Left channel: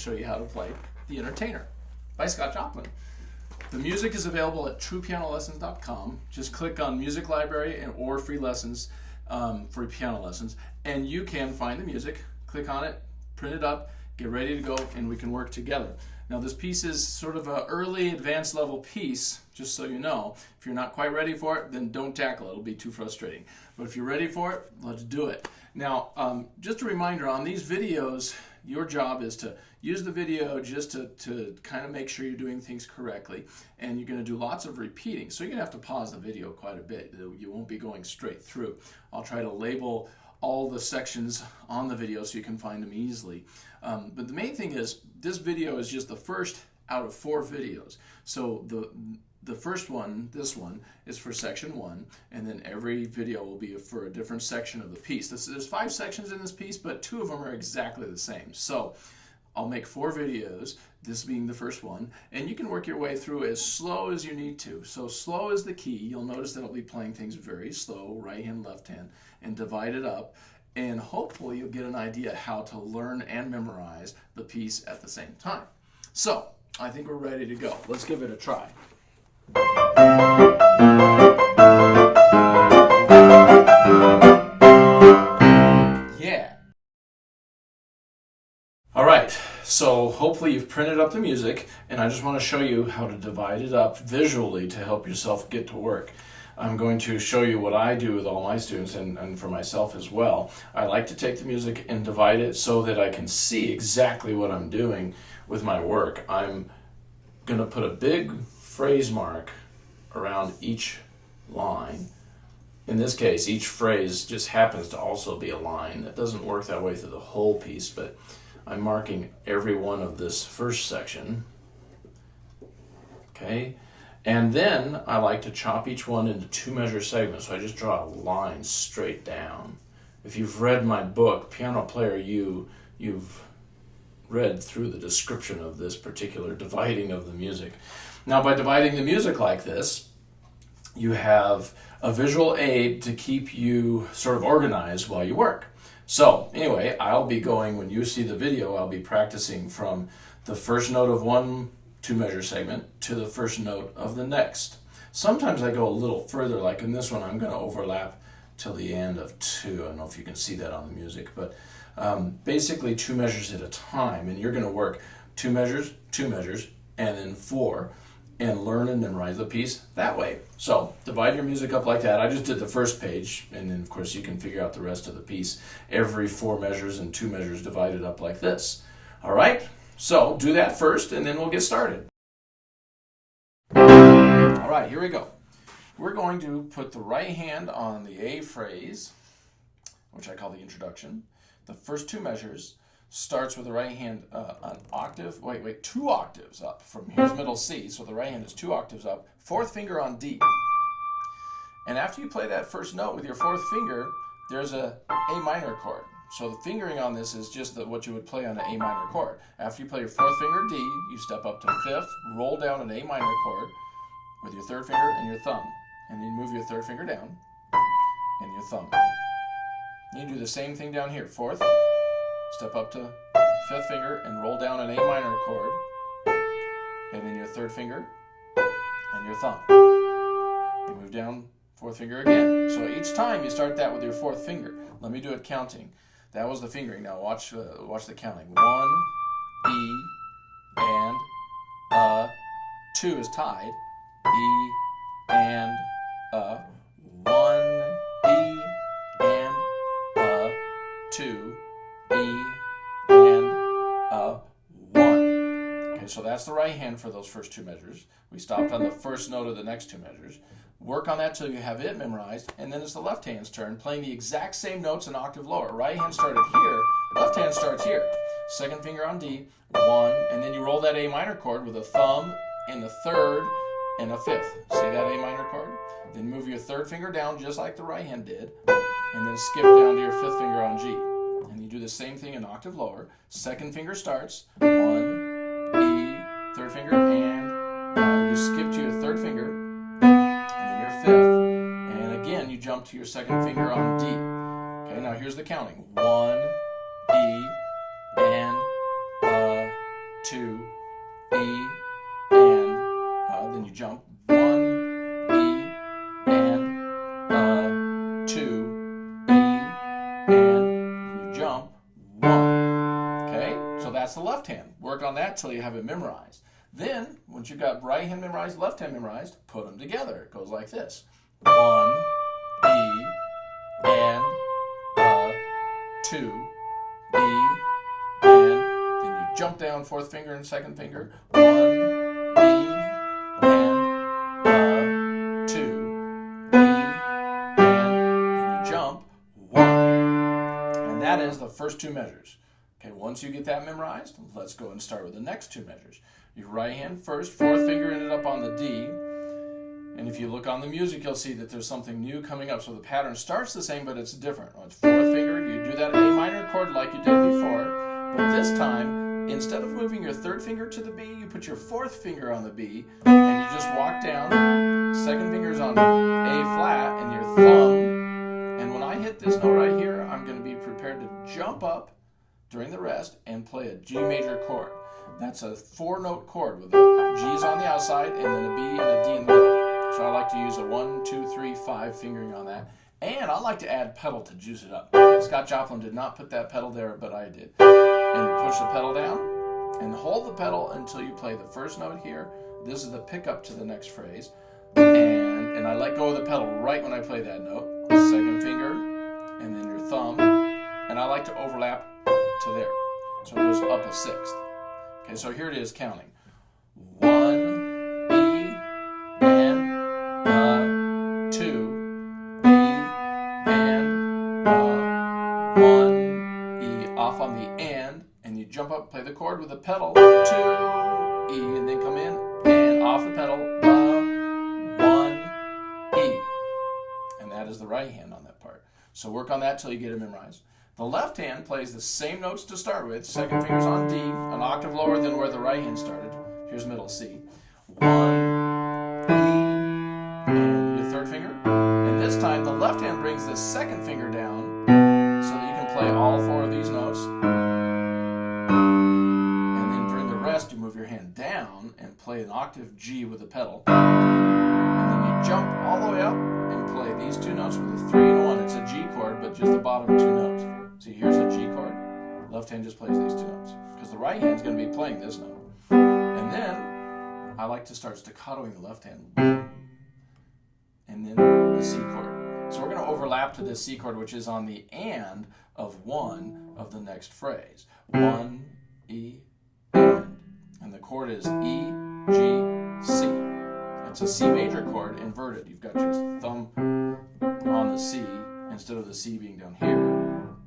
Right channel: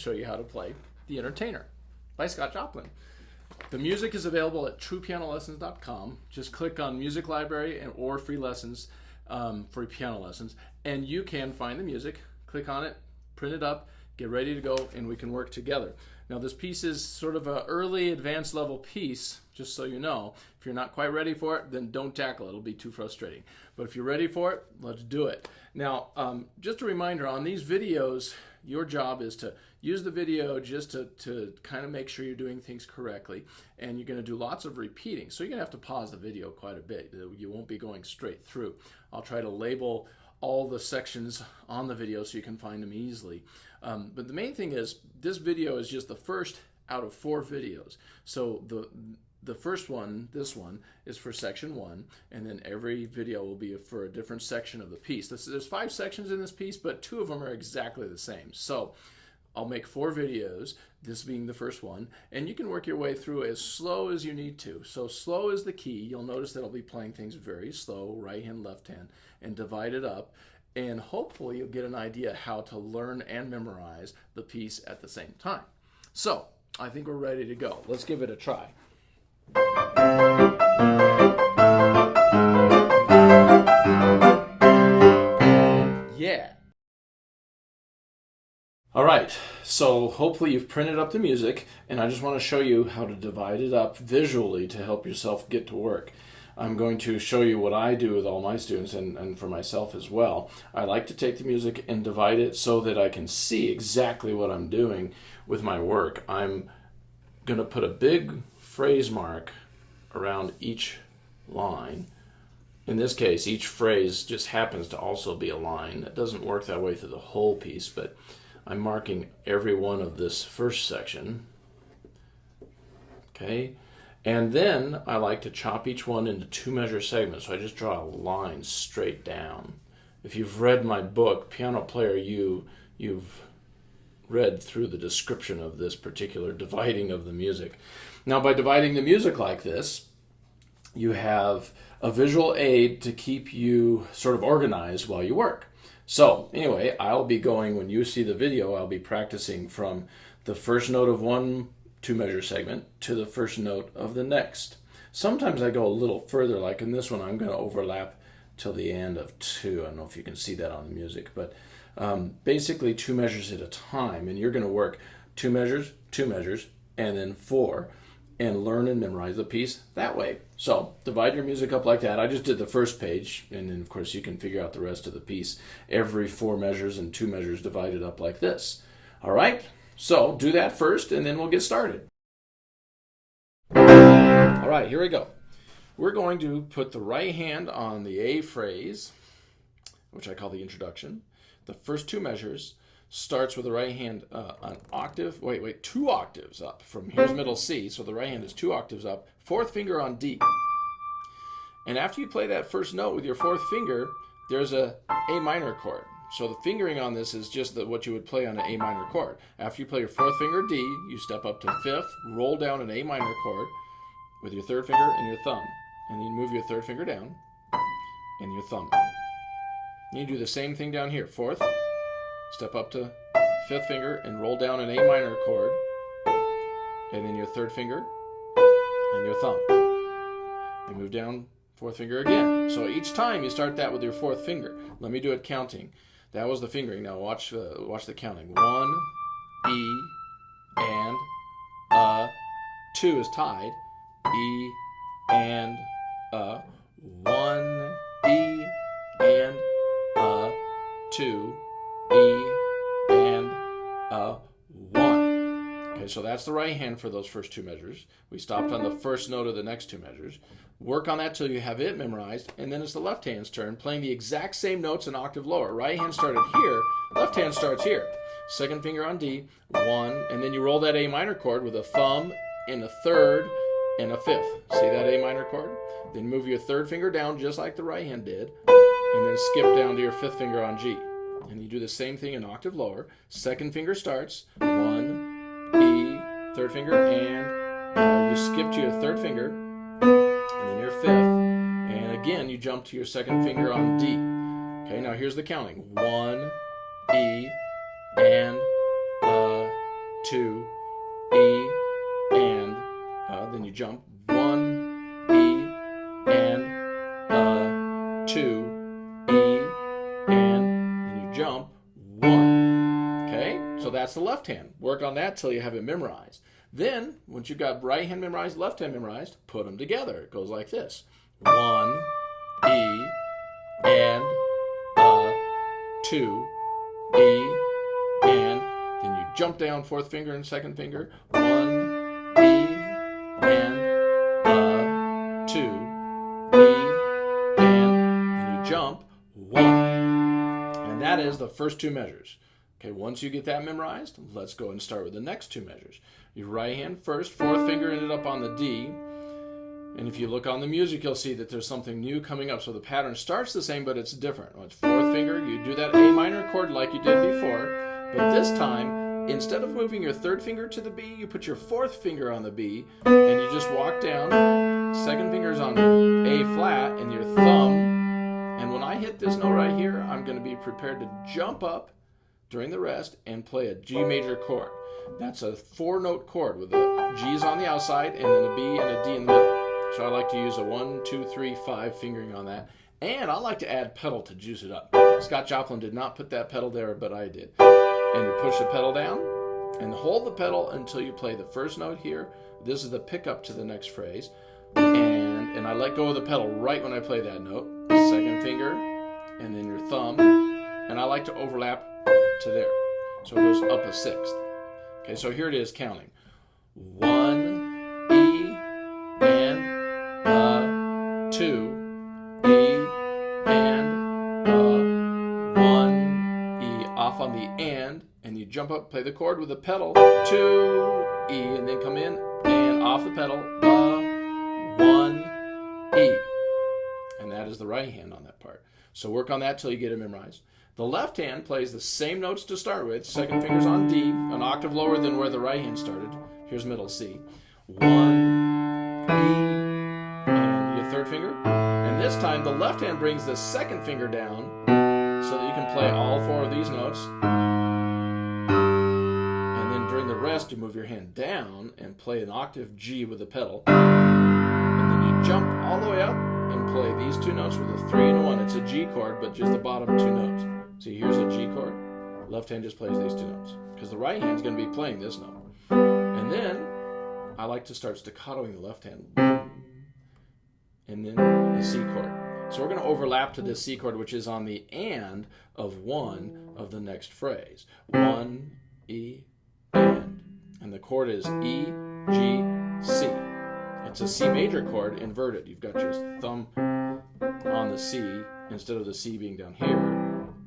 show you how to play The Entertainer by Scott Joplin. The music is available at truepianolessons.com. Just click on Music Library or Free Lessons for piano lessons, and you can find the music, click on it, print it up, get ready to go, and we can work together. Now this piece is sort of an early advanced level piece, just so you know. If you're not quite ready for it, then don't tackle it. It'll be too frustrating. But if you're ready for it, let's do it. Now, just a reminder, on these videos, your job is to use the video just to kind of make sure you're doing things correctly. And you're going to do lots of repeating. So you're going to have to pause the video quite a bit. You won't be going straight through. I'll try to label all the sections on the video so you can find them easily. But the main thing is, this video is just the first out of 4 videos. So the first one, this one, is for section 1, and then every video will be for a different section of the piece. There's 5 sections in this piece, but 2 of them are exactly the same. So I'll make 4 videos, this being the first one, and you can work your way through as slow as you need to. So slow is the key. You'll notice that I'll be playing things very slow, right hand, left hand, and divide it up. And hopefully you'll get an idea how to learn and memorize the piece at the same time. So I think we're ready to go. Let's give it a try. Yeah. All right, so hopefully you've printed up the music, and I just want to show you how to divide it up visually to help yourself get to work. I'm going to show you what I do with all my students and for myself as well. I like to take the music and divide it so that I can see exactly what I'm doing with my work. I'm going to put a big phrase mark around each line. In this case, each phrase just happens to also be a line. It doesn't work that way through the whole piece, but I'm marking every one of this first section. Okay. And then I like to chop each one into 2-measure segments, so I just draw a line straight down. If you've read my book, Piano Player U, you've read through the description of this particular dividing of the music. Now, by dividing the music like this, you have a visual aid to keep you sort of organized while you work. So anyway, I'll be going, when you see the video, I'll be practicing from the first note of one 2-measure segment to the first note of the next. Sometimes I go a little further, like in this one I'm going to overlap till the end of 2. I don't know if you can see that on the music, but basically 2 measures at a time, and you're going to work 2 measures, 2 measures, and then 4, and learn and memorize the piece that way. So divide your music up like that. I just did the first page, and then of course you can figure out the rest of the piece. Every 4 measures and 2 measures divided up like this. All right? So do that first, and then we'll get started. All right, here we go. We're going to put the right hand on the A phrase, which I call the introduction. The first 2 measures starts with the right hand an octave, 2 octaves up from here's middle C, so the right hand is 2 octaves up, 4th finger on D. And after you play that first note with your 4th finger, there's a A minor chord. So the fingering on this is just what you would play on an A minor chord. After you play your 4th finger D, you step up to 5th, roll down an A minor chord with your 3rd finger and your thumb. And then you move your 3rd finger down and your thumb. You do the same thing down here. 4th, step up to 5th finger and roll down an A minor chord. And then your 3rd finger and your thumb. You move down 4th finger again. So each time you start that with your 4th finger. Let me do it counting. That was the fingering. Now watch the counting. 1, E, and 2 is tied. E, and 1, E, and 2, E, and 1. Okay, so that's the right hand for those first 2 measures. We stopped on the first note of the next 2 measures. Work on that till you have it memorized, and then it's the left hand's turn, playing the exact same notes an octave lower. Right hand started here, left hand starts here. 2nd finger on D, 1, and then you roll that A minor chord with a thumb and a 3rd and a 5th. See that A minor chord? Then move your 3rd finger down just like the right hand did, and then skip down to your 5th finger on G. And you do the same thing an octave lower. 2nd finger starts, 1, E, 3rd finger, and you skip to your 3rd finger, and then your 5th, and again you jump to your 2nd finger on D. Okay, now here's the counting. 1, E, and 2, E, and then you jump 1, E, and 2, E, and then you jump 1. Okay, so that's the left hand. Work on that till you have it memorized. Then, once you've got right hand memorized, left hand memorized, put them together. It goes like this: 1, E, and 2, E, and then you jump down fourth finger and second finger. 1, E, and 2, E, and then you jump 1. And that is the first two measures. Okay, once you get that memorized, let's go and start with the next two measures. Your right hand first, fourth finger ended up on the D. And if you look on the music, you'll see that there's something new coming up. So the pattern starts the same, but it's different. It's fourth finger, you do that A minor chord like you did before. But this time, instead of moving your third finger to the B, you put your fourth finger on the B, and you just walk down. Second finger's on A flat, and your thumb. And when I hit this note right here, I'm going to be prepared to jump up during the rest and play a G major chord. That's a 4-note chord with the G's on the outside and then a B and a D in the middle. So I like to use a 1, 2, 3, 5 fingering on that. And I like to add pedal to juice it up. Scott Joplin did not put that pedal there, but I did. And you push the pedal down and hold the pedal until you play the first note here. This is the pickup to the next phrase. And I let go of the pedal right when I play that note. Second finger and then your thumb. And I like to overlap to there. So it goes up a sixth. Okay, so here it is counting. 1, E, and 2, E, and 1, E, off on the and you jump up, play the chord with the pedal, 2, E, and then come in, and off the pedal, 1, E. And that is the right hand on that part. So work on that till you get it memorized. The left hand plays the same notes to start with. Second finger's on D, an octave lower than where the right hand started. Here's middle C. 1, E, and your third finger. And this time the left hand brings the second finger down so that you can play all 4 of these notes. And then during the rest, you move your hand down and play an octave G with the pedal. And then you jump all the way up and play these 2 notes with a 3 and a 1. It's a G chord, but just the bottom 2 notes. See, here's a G chord. Left hand just plays these 2 notes because the right hand's going to be playing this note. And then I like to start staccatoing the left hand. And then the C chord. So we're going to overlap to this C chord, which is on the and of one of the next phrase. 1, E, and. And the chord is E, G, C. It's a C major chord inverted. You've got your thumb on the C instead of the C being down here.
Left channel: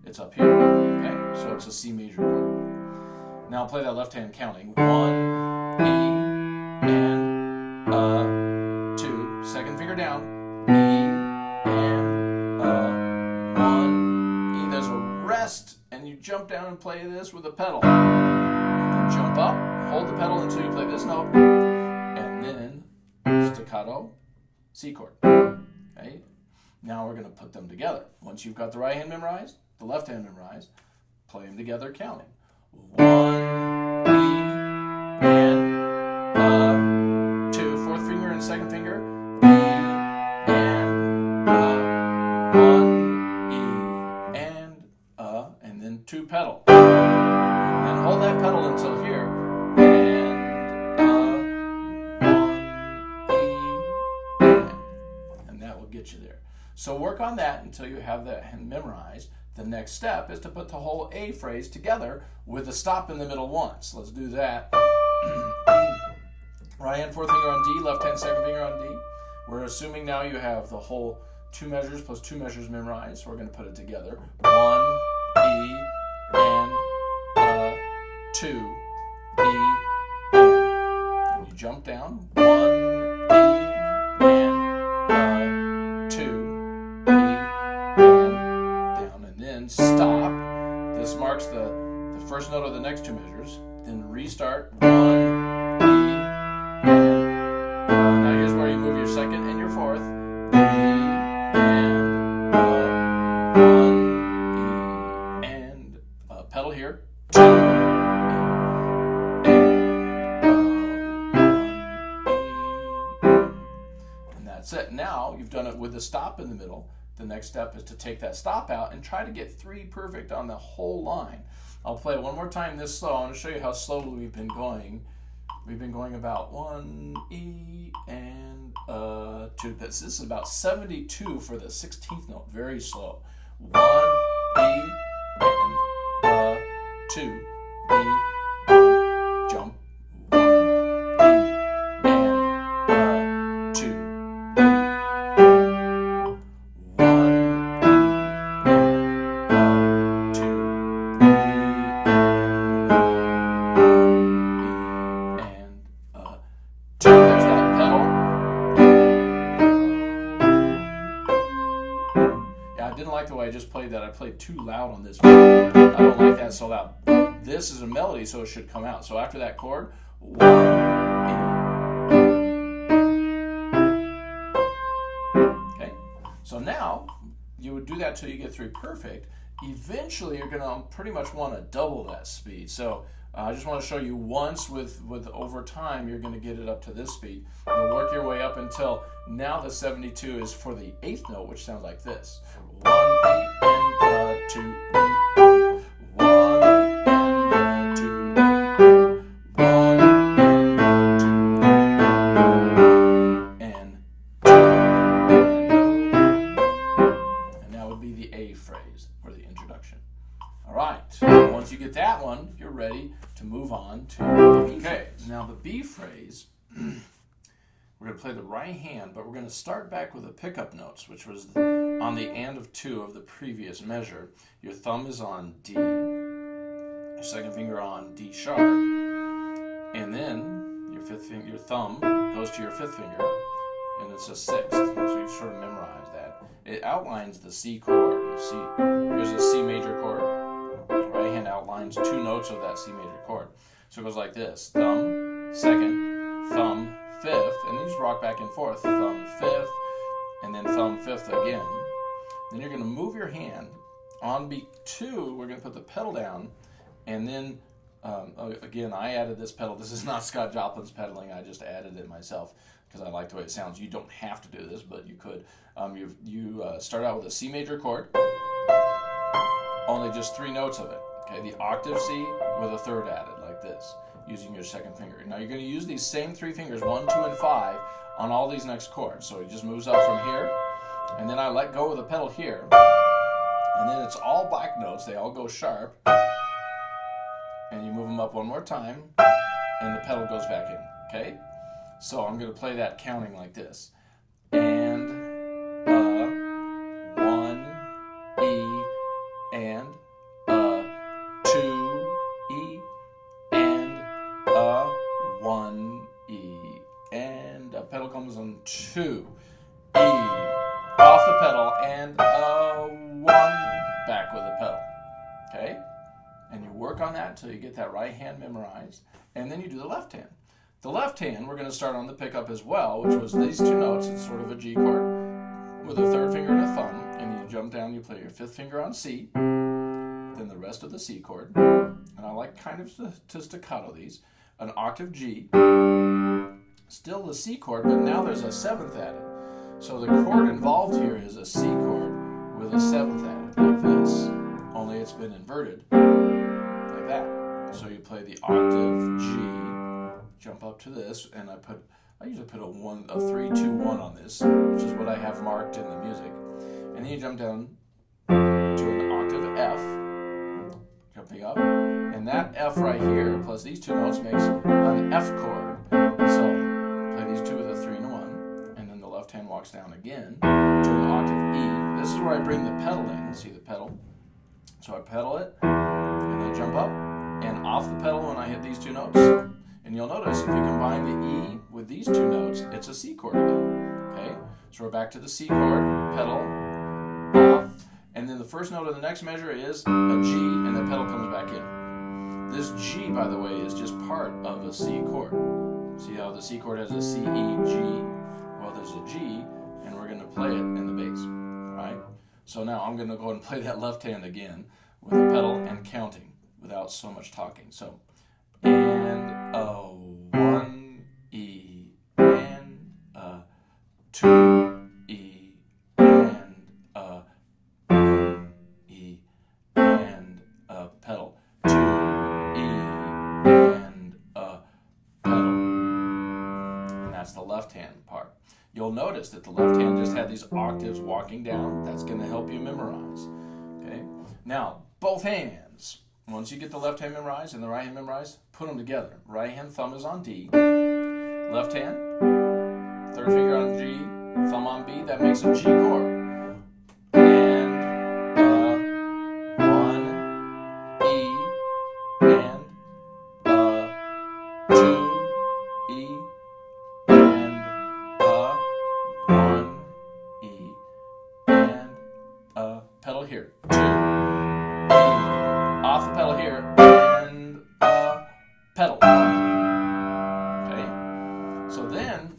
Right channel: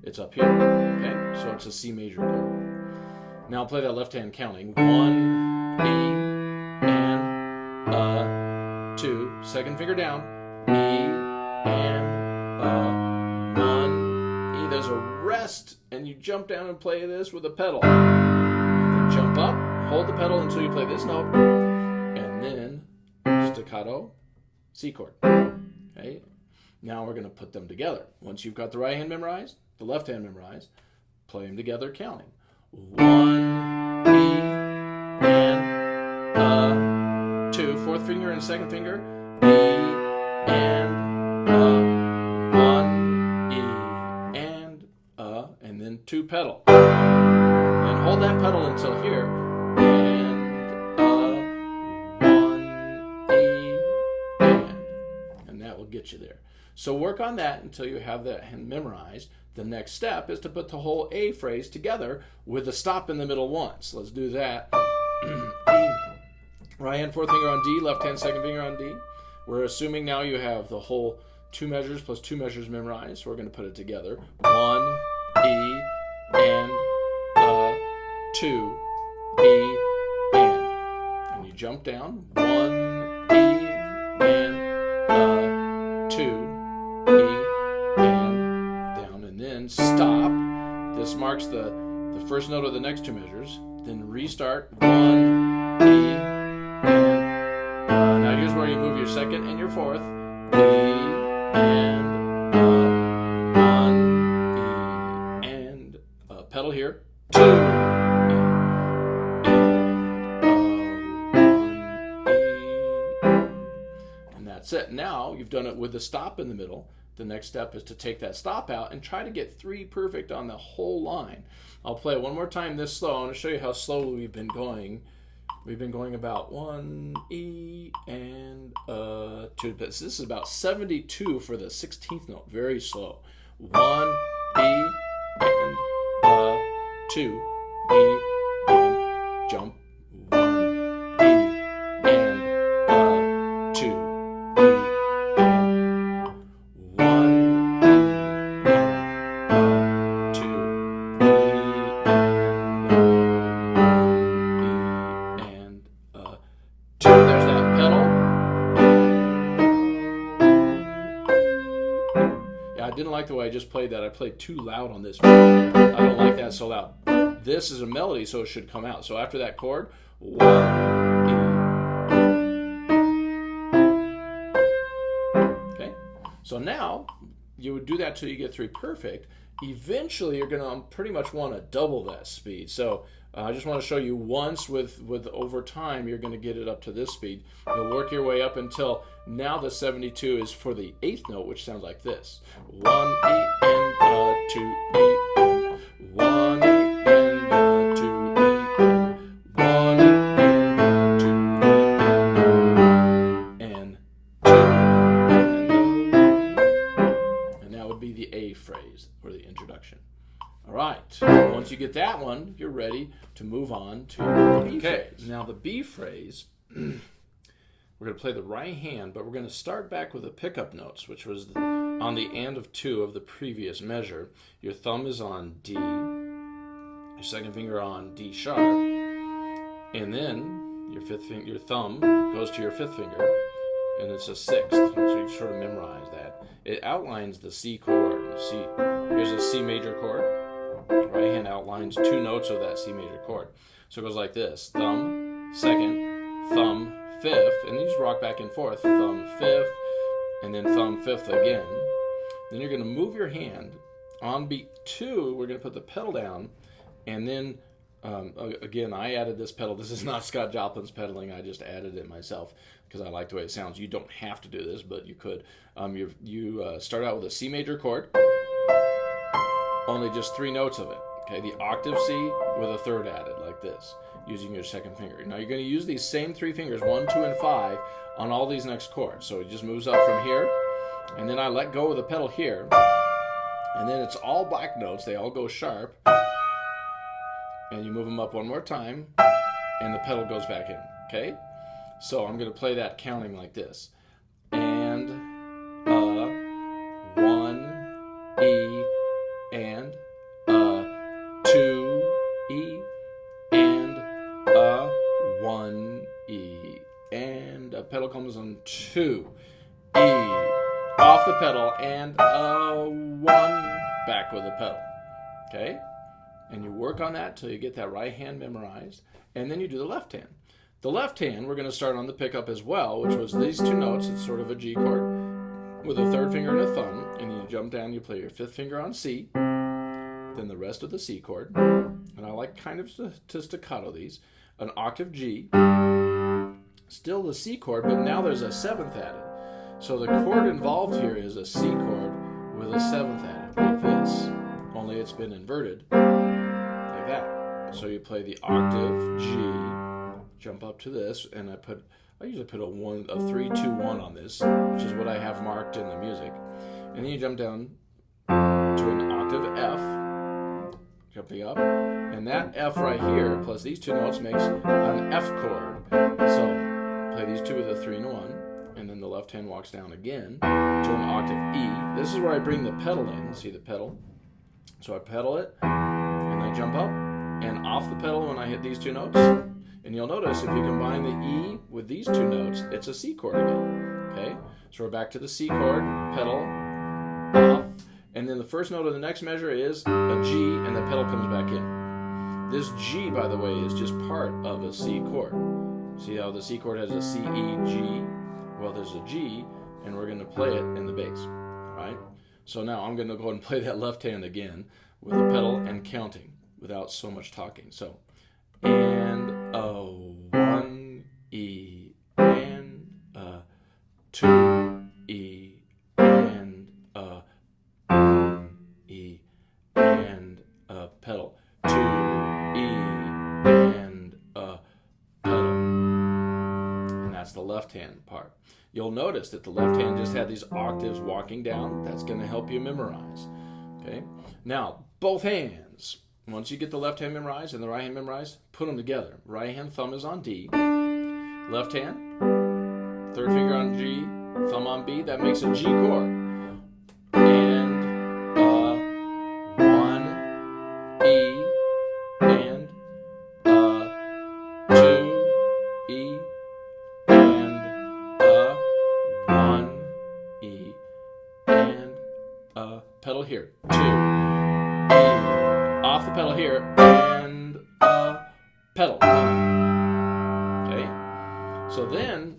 It's up here. Okay? So it's a C major chord. Now I'll play that left hand counting. 1, E, and 2. Second finger down. E, and 1, E. There's a rest, and you jump down and play this with a pedal. And then jump up, hold the pedal until you play this note, and then staccato, C chord. Okay? Now we're going to put them together. Once you've got the right hand memorized, the left hand memorized, play them together counting. 1, E, and 2. Fourth finger and second finger. E, and 1, E, and then 2 pedal. And hold that pedal until here. And that will get you there. So work on that until you have that memorized. The next step is to put the whole A phrase together with a stop in the middle once. Let's do that. Right hand fourth finger on D, left hand second finger on D. We're assuming now you have the whole 2 measures plus 2 measures memorized. So we're going to put it together. 1, E, and 2, E, and you jump down. 1, E, and 2, E, and down, and then stop. This marks the first note of the next 2 measures. Then restart. 1, E, and now here's where you move your second and your fourth. E, and 1, E, and pedal here. 2, E, and That's it. Now you've done it with the stop in the middle. The next step is to take that stop out and try to get 3 perfect on the whole line. I'll play it one more time this slow. I want to show you how slowly we've been going. We've been going about 1 E and 2. This is about 72 for the 16th note. Very slow. 1 E and 2 E, jump. 1 E and 2 E, 1 E and 2 E and 2. There's that pedal. Yeah, I didn't like the way I just played that. I played too loud on this one. I don't like that so loud. This is a melody, so it should come out. So after that chord, 1 E. Okay? So now, you would do that till you get 3 perfect. Eventually, you're going to pretty much want to double that speed. So I just want to show you once with over time, you're going to get it up to this speed. You'll work your way up until now the 72 is for the 8th note, which sounds like this. 1 E and 2 E. 1 E and 2 E. 1 E and 2 E and 2 and that would be the A phrase for the introduction. All right. Once you get that one, you're ready to move on to the B phrase. Now the B phrase, we're going to play the right hand, but we're going to start back with the pickup notes, which was on the and of 2 of the previous measure. Your thumb is on D, your second finger on D sharp, and then your thumb goes to your 5th finger, and it's a 6th. So you sort of memorize that. It outlines the C chord. Here's a C major chord. Right hand outlines 2 notes of that C major chord. So it goes like this: thumb, 2nd, thumb, 5th, and you just rock back and forth. Thumb, 5th, and then thumb, 5th again. Then you're going to move your hand. On beat 2, we're going to put the pedal down, and then again, I added this pedal. This is not Scott Joplin's pedaling. I just added it myself because I like the way it sounds. You don't have to do this, but you could. You start out with a C major chord, only just 3 notes of it. Okay, the octave C with a 3rd added, like this, using your 2nd finger. Now you're going to use these same 3 fingers, 1, 2, and 5, on all these next chords. So it just moves up from here, and then I let go of the pedal here, and then it's all black notes. They all go sharp, and you move them up one more time, and the pedal goes back in. Okay, so I'm going to play that counting like this: and 1 E and 2 E and 1 E, and a pedal comes on 2 E, off the pedal, and 1 back with the pedal. Okay, and you work on that till you get that right hand memorized, and then you do the left hand. The left hand, we're going to start on the pickup as well, which was these 2 notes. It's sort of a G chord with a 3rd finger and a thumb, and you jump down, you play your 5th finger on C, then the rest of the C chord, and I like kind of to staccato these, an octave G, still the C chord, but now there's a 7th added. So the chord involved here is a C chord with a 7th added, like this, only it's been inverted, like that. So you play the octave G, jump up to this, and I usually put a 3, 2, 1 on this, which is what I have marked in the music. And then you jump down to an octave F, jumping up, and that F right here, plus these 2 notes, makes an F chord. So play these 2 with a 3 and 1, and then the left hand walks down again to an octave E. This is where I bring the pedal in. See the pedal? So I pedal it, and I jump up, and off the pedal when I hit these 2 notes. And you'll notice if you combine the E with these 2 notes, it's a C chord again. Okay? So we're back to the C chord, pedal, off, and then the first note of the next measure is a G, and the pedal comes back in. This G, by the way, is just part of a C chord. See how the C chord has a C, E, G? Well, there's a G, and we're going to play it in the bass. Right? So now I'm going to go ahead and play that left hand again with the pedal and counting without so much talking. So, and 1 E and 2 That's the left hand part. You'll notice that the left hand just had these octaves walking down. That's going to help you memorize. Okay. Now, both hands. Once you get the left hand memorized and the right hand memorized, put them together. Right hand thumb is on D. Left hand, third finger on G, thumb on B. That makes a G chord. And one, E, and two, E, and one, E, and pedal here, two, E, off the pedal here, and pedal. Okay? So then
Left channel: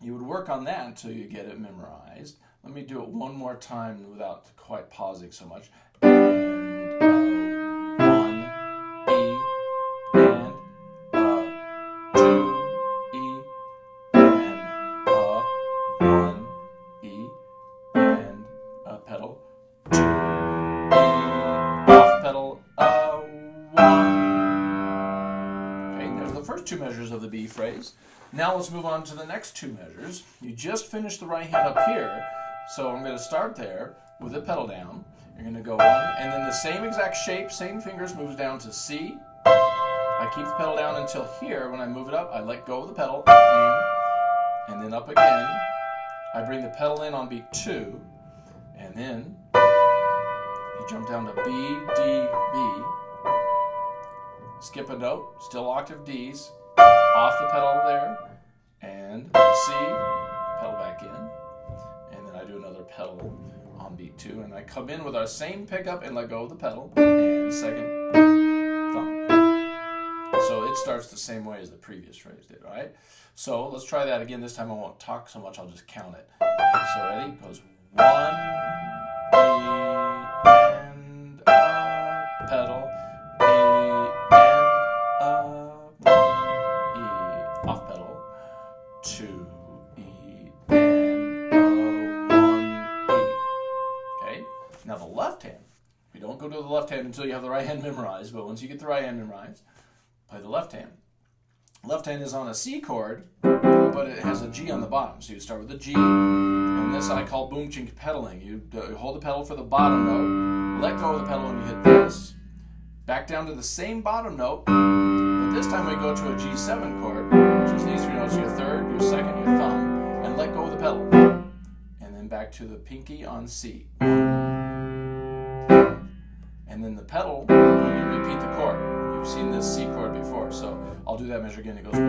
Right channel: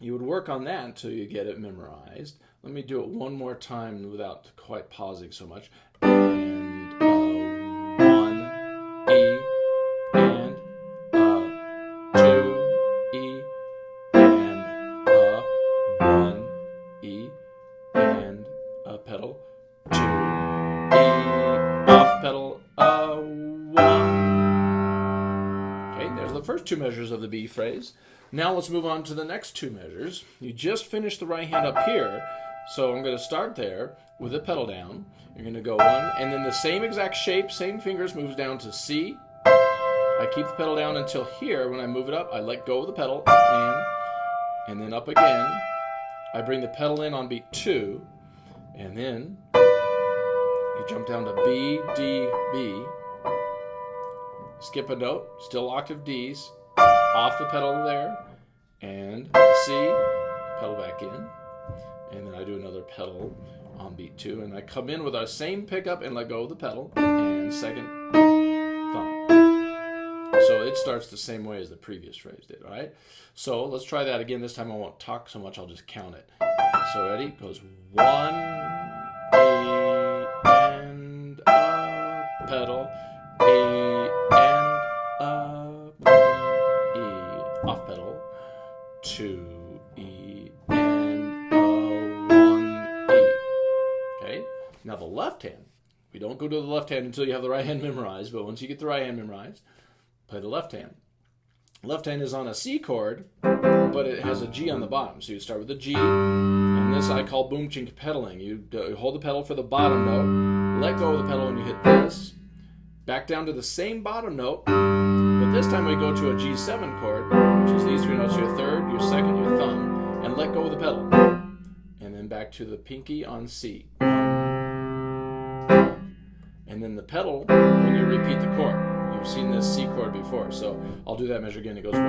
you would work on that until you get it memorized. Let me do it one more time without quite pausing so much. And one, E, and two, E, and one, E, and pedal, two, E, off pedal, one. Okay, there's the first two measures of the B phrase. Now let's move on to the next two measures. You just finished the right hand up here, so I'm going to start there with the pedal down. You're going to go one, and then the same exact shape, same fingers, moves down to C. I keep the pedal down until here. When I move it up, I let go of the pedal, and then up again. I bring the pedal in on beat 2, and then you jump down to B, D, B. Skip a note, still octave Ds. Off the pedal there, and C, pedal back in, and then I do another pedal on beat 2, and I come in with our same pickup and let go of the pedal, and second thumb. So it starts the same way as the previous phrase did, all right? So let's try that again. This time I won't talk so much, I'll just count it. So ready? It goes 1, E, and pedal, E, and off pedal, 2, E, and 1, E. Okay? Now the left hand. We don't go to the left hand until you have the right hand memorized, but once you get the right hand memorized, play the left hand. Left hand is on a C chord, but it has a G on the bottom. So you start with a G, and this I call boom chink pedaling. You hold the pedal for the bottom note, let go of the pedal when you hit this, back down to the same bottom note, but this time we go to a G7 chord, which is these three notes, your third, your second, your thumb, and let go of the pedal. And then back to the pinky on C. And then the pedal when you repeat the chord. You've seen this C chord before, so I'll do that measure again. It goes 1,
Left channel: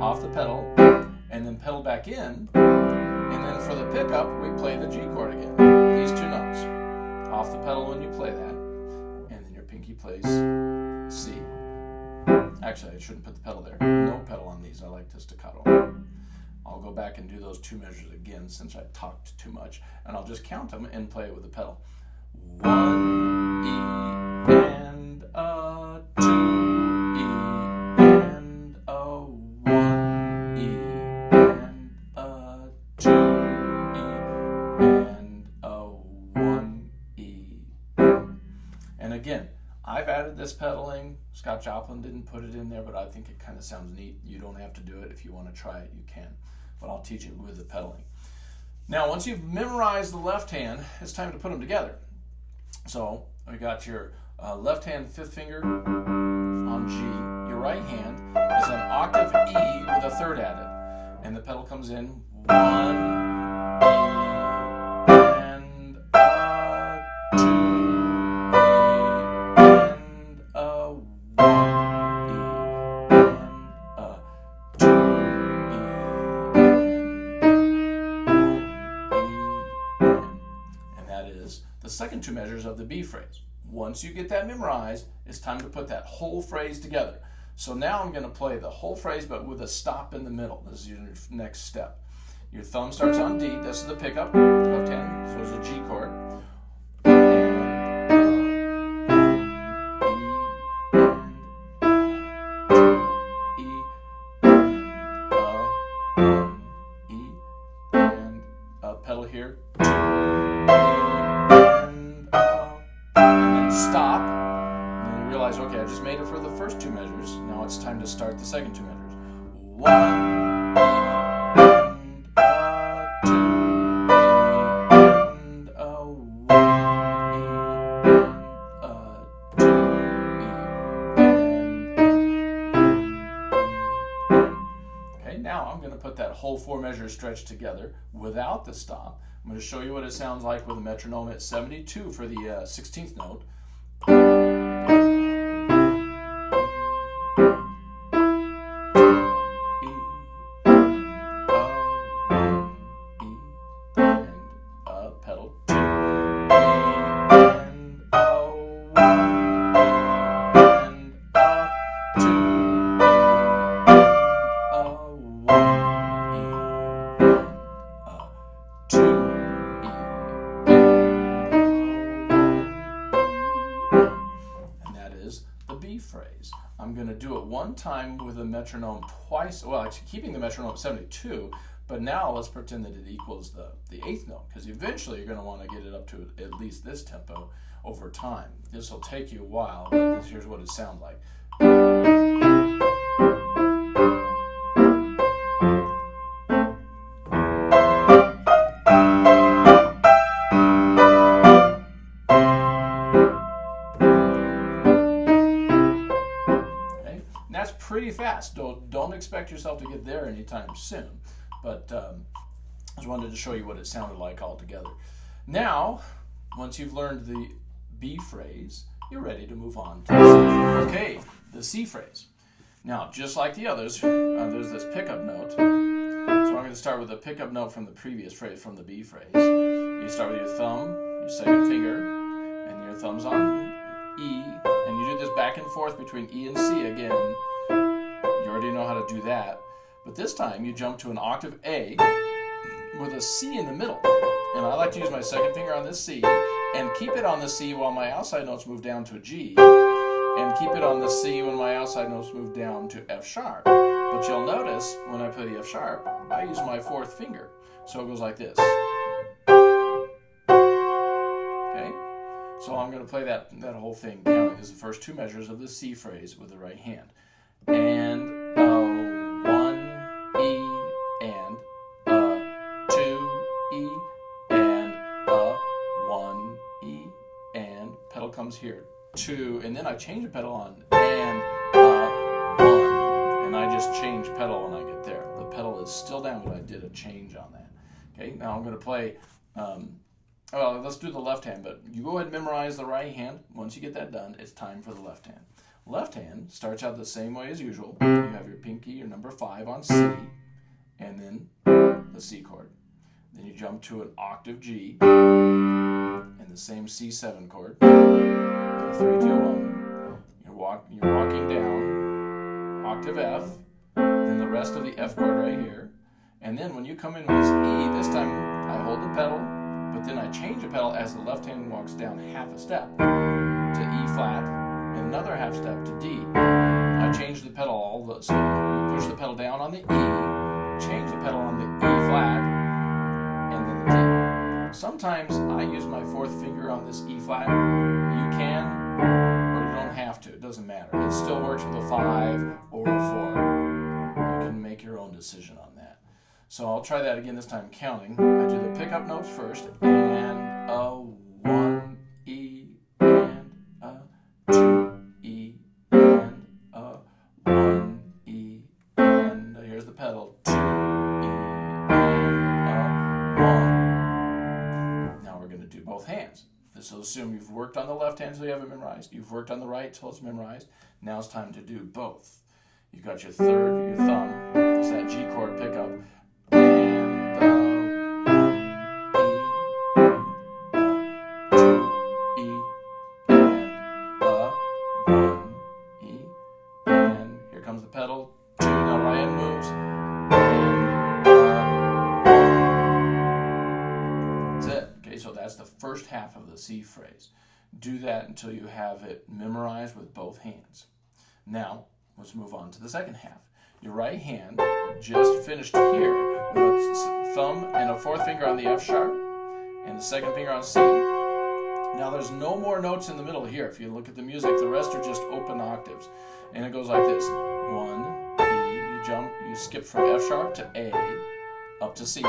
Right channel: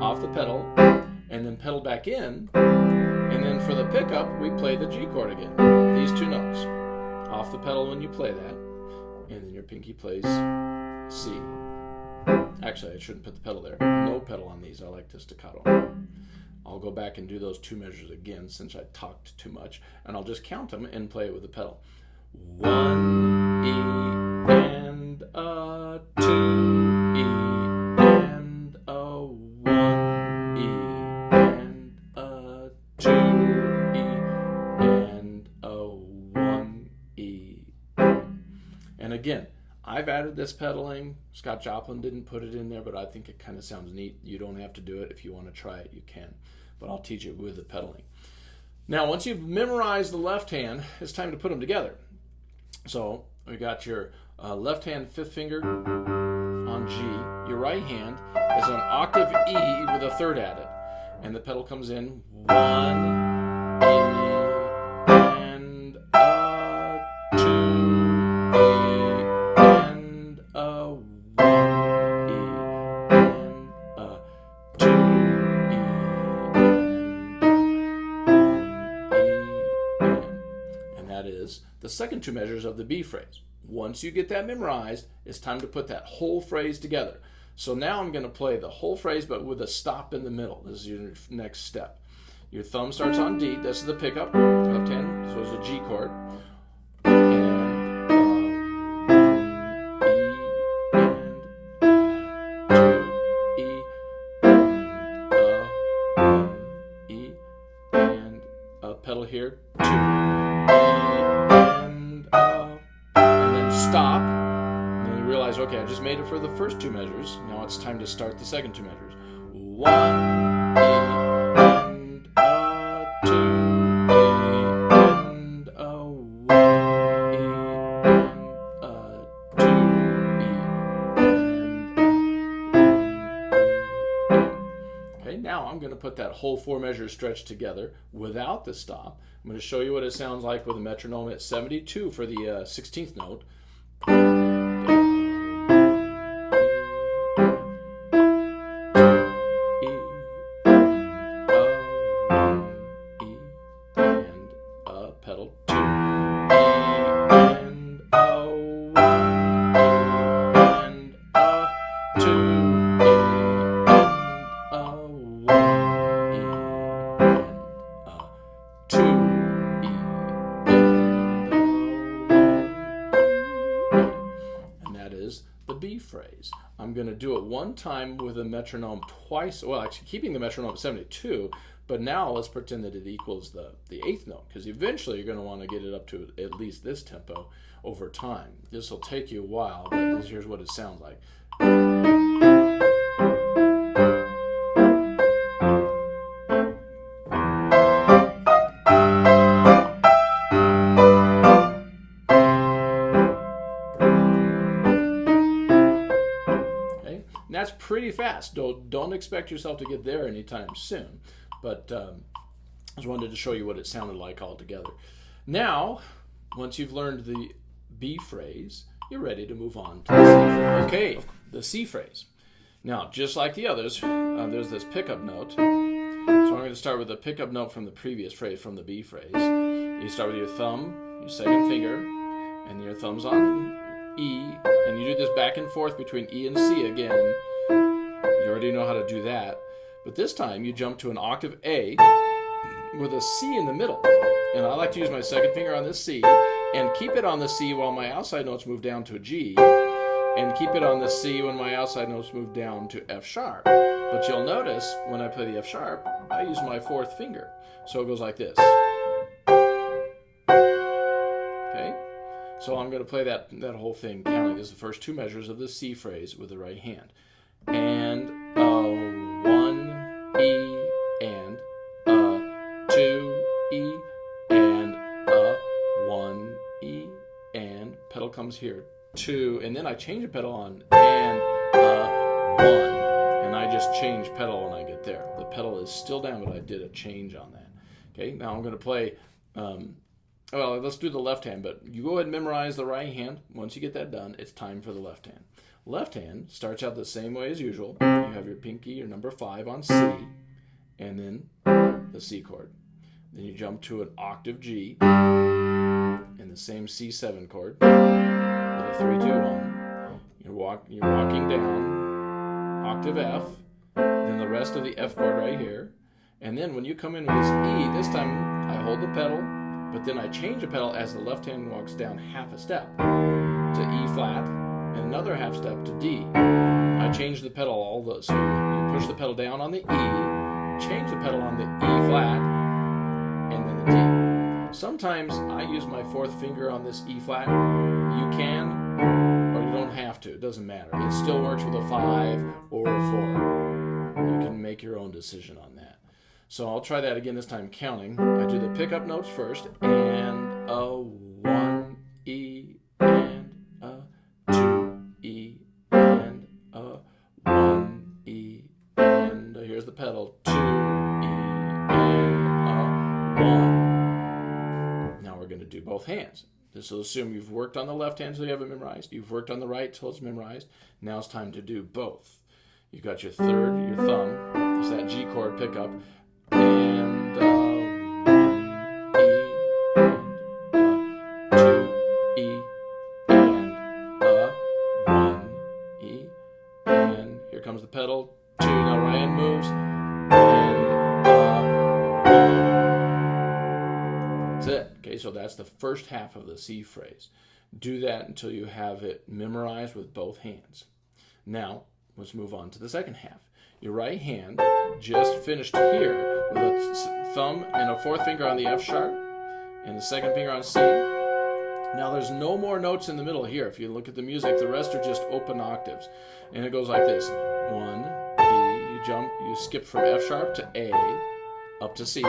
off the pedal, and then pedal back in, and then for the pickup, we play the G chord again. These two notes. Off the pedal when you play that, and then your pinky plays C. Actually, I shouldn't put the pedal there. No pedal on these. I like the staccato. I'll go back and do those two measures again since I talked too much, and I'll just count them and play it with the pedal. 1, E, and 2, E, and 1, E, and 2, E, and 1, E. And again, I've added this pedaling. Scott Joplin didn't put it in there, but I think it kind of sounds neat. You don't have to do it. If you want to try it, you can. But I'll teach it with the pedaling. Now, once you've memorized the left hand, it's time to put them together. So we got your left hand fifth finger on G. Your right hand is an octave E with a third added. And the pedal comes in 1, E, and 2, E, and 1, E, and 2, E, and that is the second two measures of the B phrase. Once you get that memorized, it's time to put that whole phrase together. So now I'm going to play the whole phrase, but with a stop in the middle. This is your next step. Your thumb starts on D. This is the pickup, left hand. So it's a G chord. Pedal here, and then stop, and then you realize, okay, I just made it for the first two measures. Now it's time to start the second two measures. 1, E, that whole 4 measure stretch together without the stop. I'm going to show you what it sounds like with a metronome at 72 for the 16th note. Pedal 2, and and 2, and that is the B phrase. I'm going to do it one time with a metronome twice, well, actually keeping the metronome at 72, but now let's pretend that it equals the 8th note, because eventually you're going to want to get it up to at least this tempo over time. This will take you a while, but here's what it sounds like. Okay, and that's pretty fast. Don't expect yourself to get there anytime soon. But I just wanted to show you what it sounded like all together. Now, once you've learned the B phrase, you're ready to move on to the C phrase. Okay, the C phrase. Now, just like the others, there's this pickup note. So I'm going to start with a pickup note from the previous phrase, from the B phrase. You start with your thumb, your second finger, and your thumb's on E, and you do this back and forth between E and C again. You already know how to do that. But this time you jump to an octave A with a C in the middle. And I like to use my second finger on this C and keep it on the C while my outside notes move down to a G, and keep it on the C when my outside notes move down to F sharp. But you'll notice when I play the F sharp, I use my 4th finger. So it goes like this. Okay? So I'm going to play that whole thing counting. This is the first 2 measures of the C phrase with the right hand. And E, and 2 E, and 1 E, and pedal comes here, 2, and then I change the pedal on, and 1, and I just change pedal when I get there. The pedal is still down, but I did a change on that. Okay, now I'm going to play, well, let's do the left hand, but you go ahead and memorize the right hand. Once you get that done, it's time for the left hand. Left hand starts out the same way as usual. You have your pinky, your number 5 on C, and then the C chord. Then you jump to an octave G, and the same C7 chord, with a 3, 2, 1. You're walking down, octave F, then the rest of the F chord right here, and then when you come in with this E, this time I hold the pedal, but then I change the pedal as the left hand walks down half a step to E flat, and another half step to D. I change the pedal so you push the pedal down on the E, change the pedal on the E flat, and then the D. Sometimes I use my 4th finger on this E flat. You can, or you don't have to. It doesn't matter. It still works with a 5 or a 4. You can make your own decision on that. So I'll try that again this time counting. I do the pickup notes first, and a 1 E, and a 2 E, and a 1 E, and here's the pedal, 2 E, and a 1. Now we're going to do both hands. This will assume you've worked on the left hand till you have it memorized. You've worked on the right till it's memorized. Now it's time to do both. You've got your third, your thumb, it's that G chord pickup, and 1 E, and 2 E, and 1 E, and here comes the pedal, 2, now right hand moves, and 1. That's it. Okay, so that's the first half of the C phrase. Do that until you have it memorized with both hands. Now, let's move on to the second half. Your right hand just finished here with a thumb and a 4th finger on the F sharp and the 2nd finger on C. Now there's no more notes in the middle here. If you look at the music, the rest are just open octaves. And it goes like this. 1, E, you jump, you skip from F sharp to A, up to C,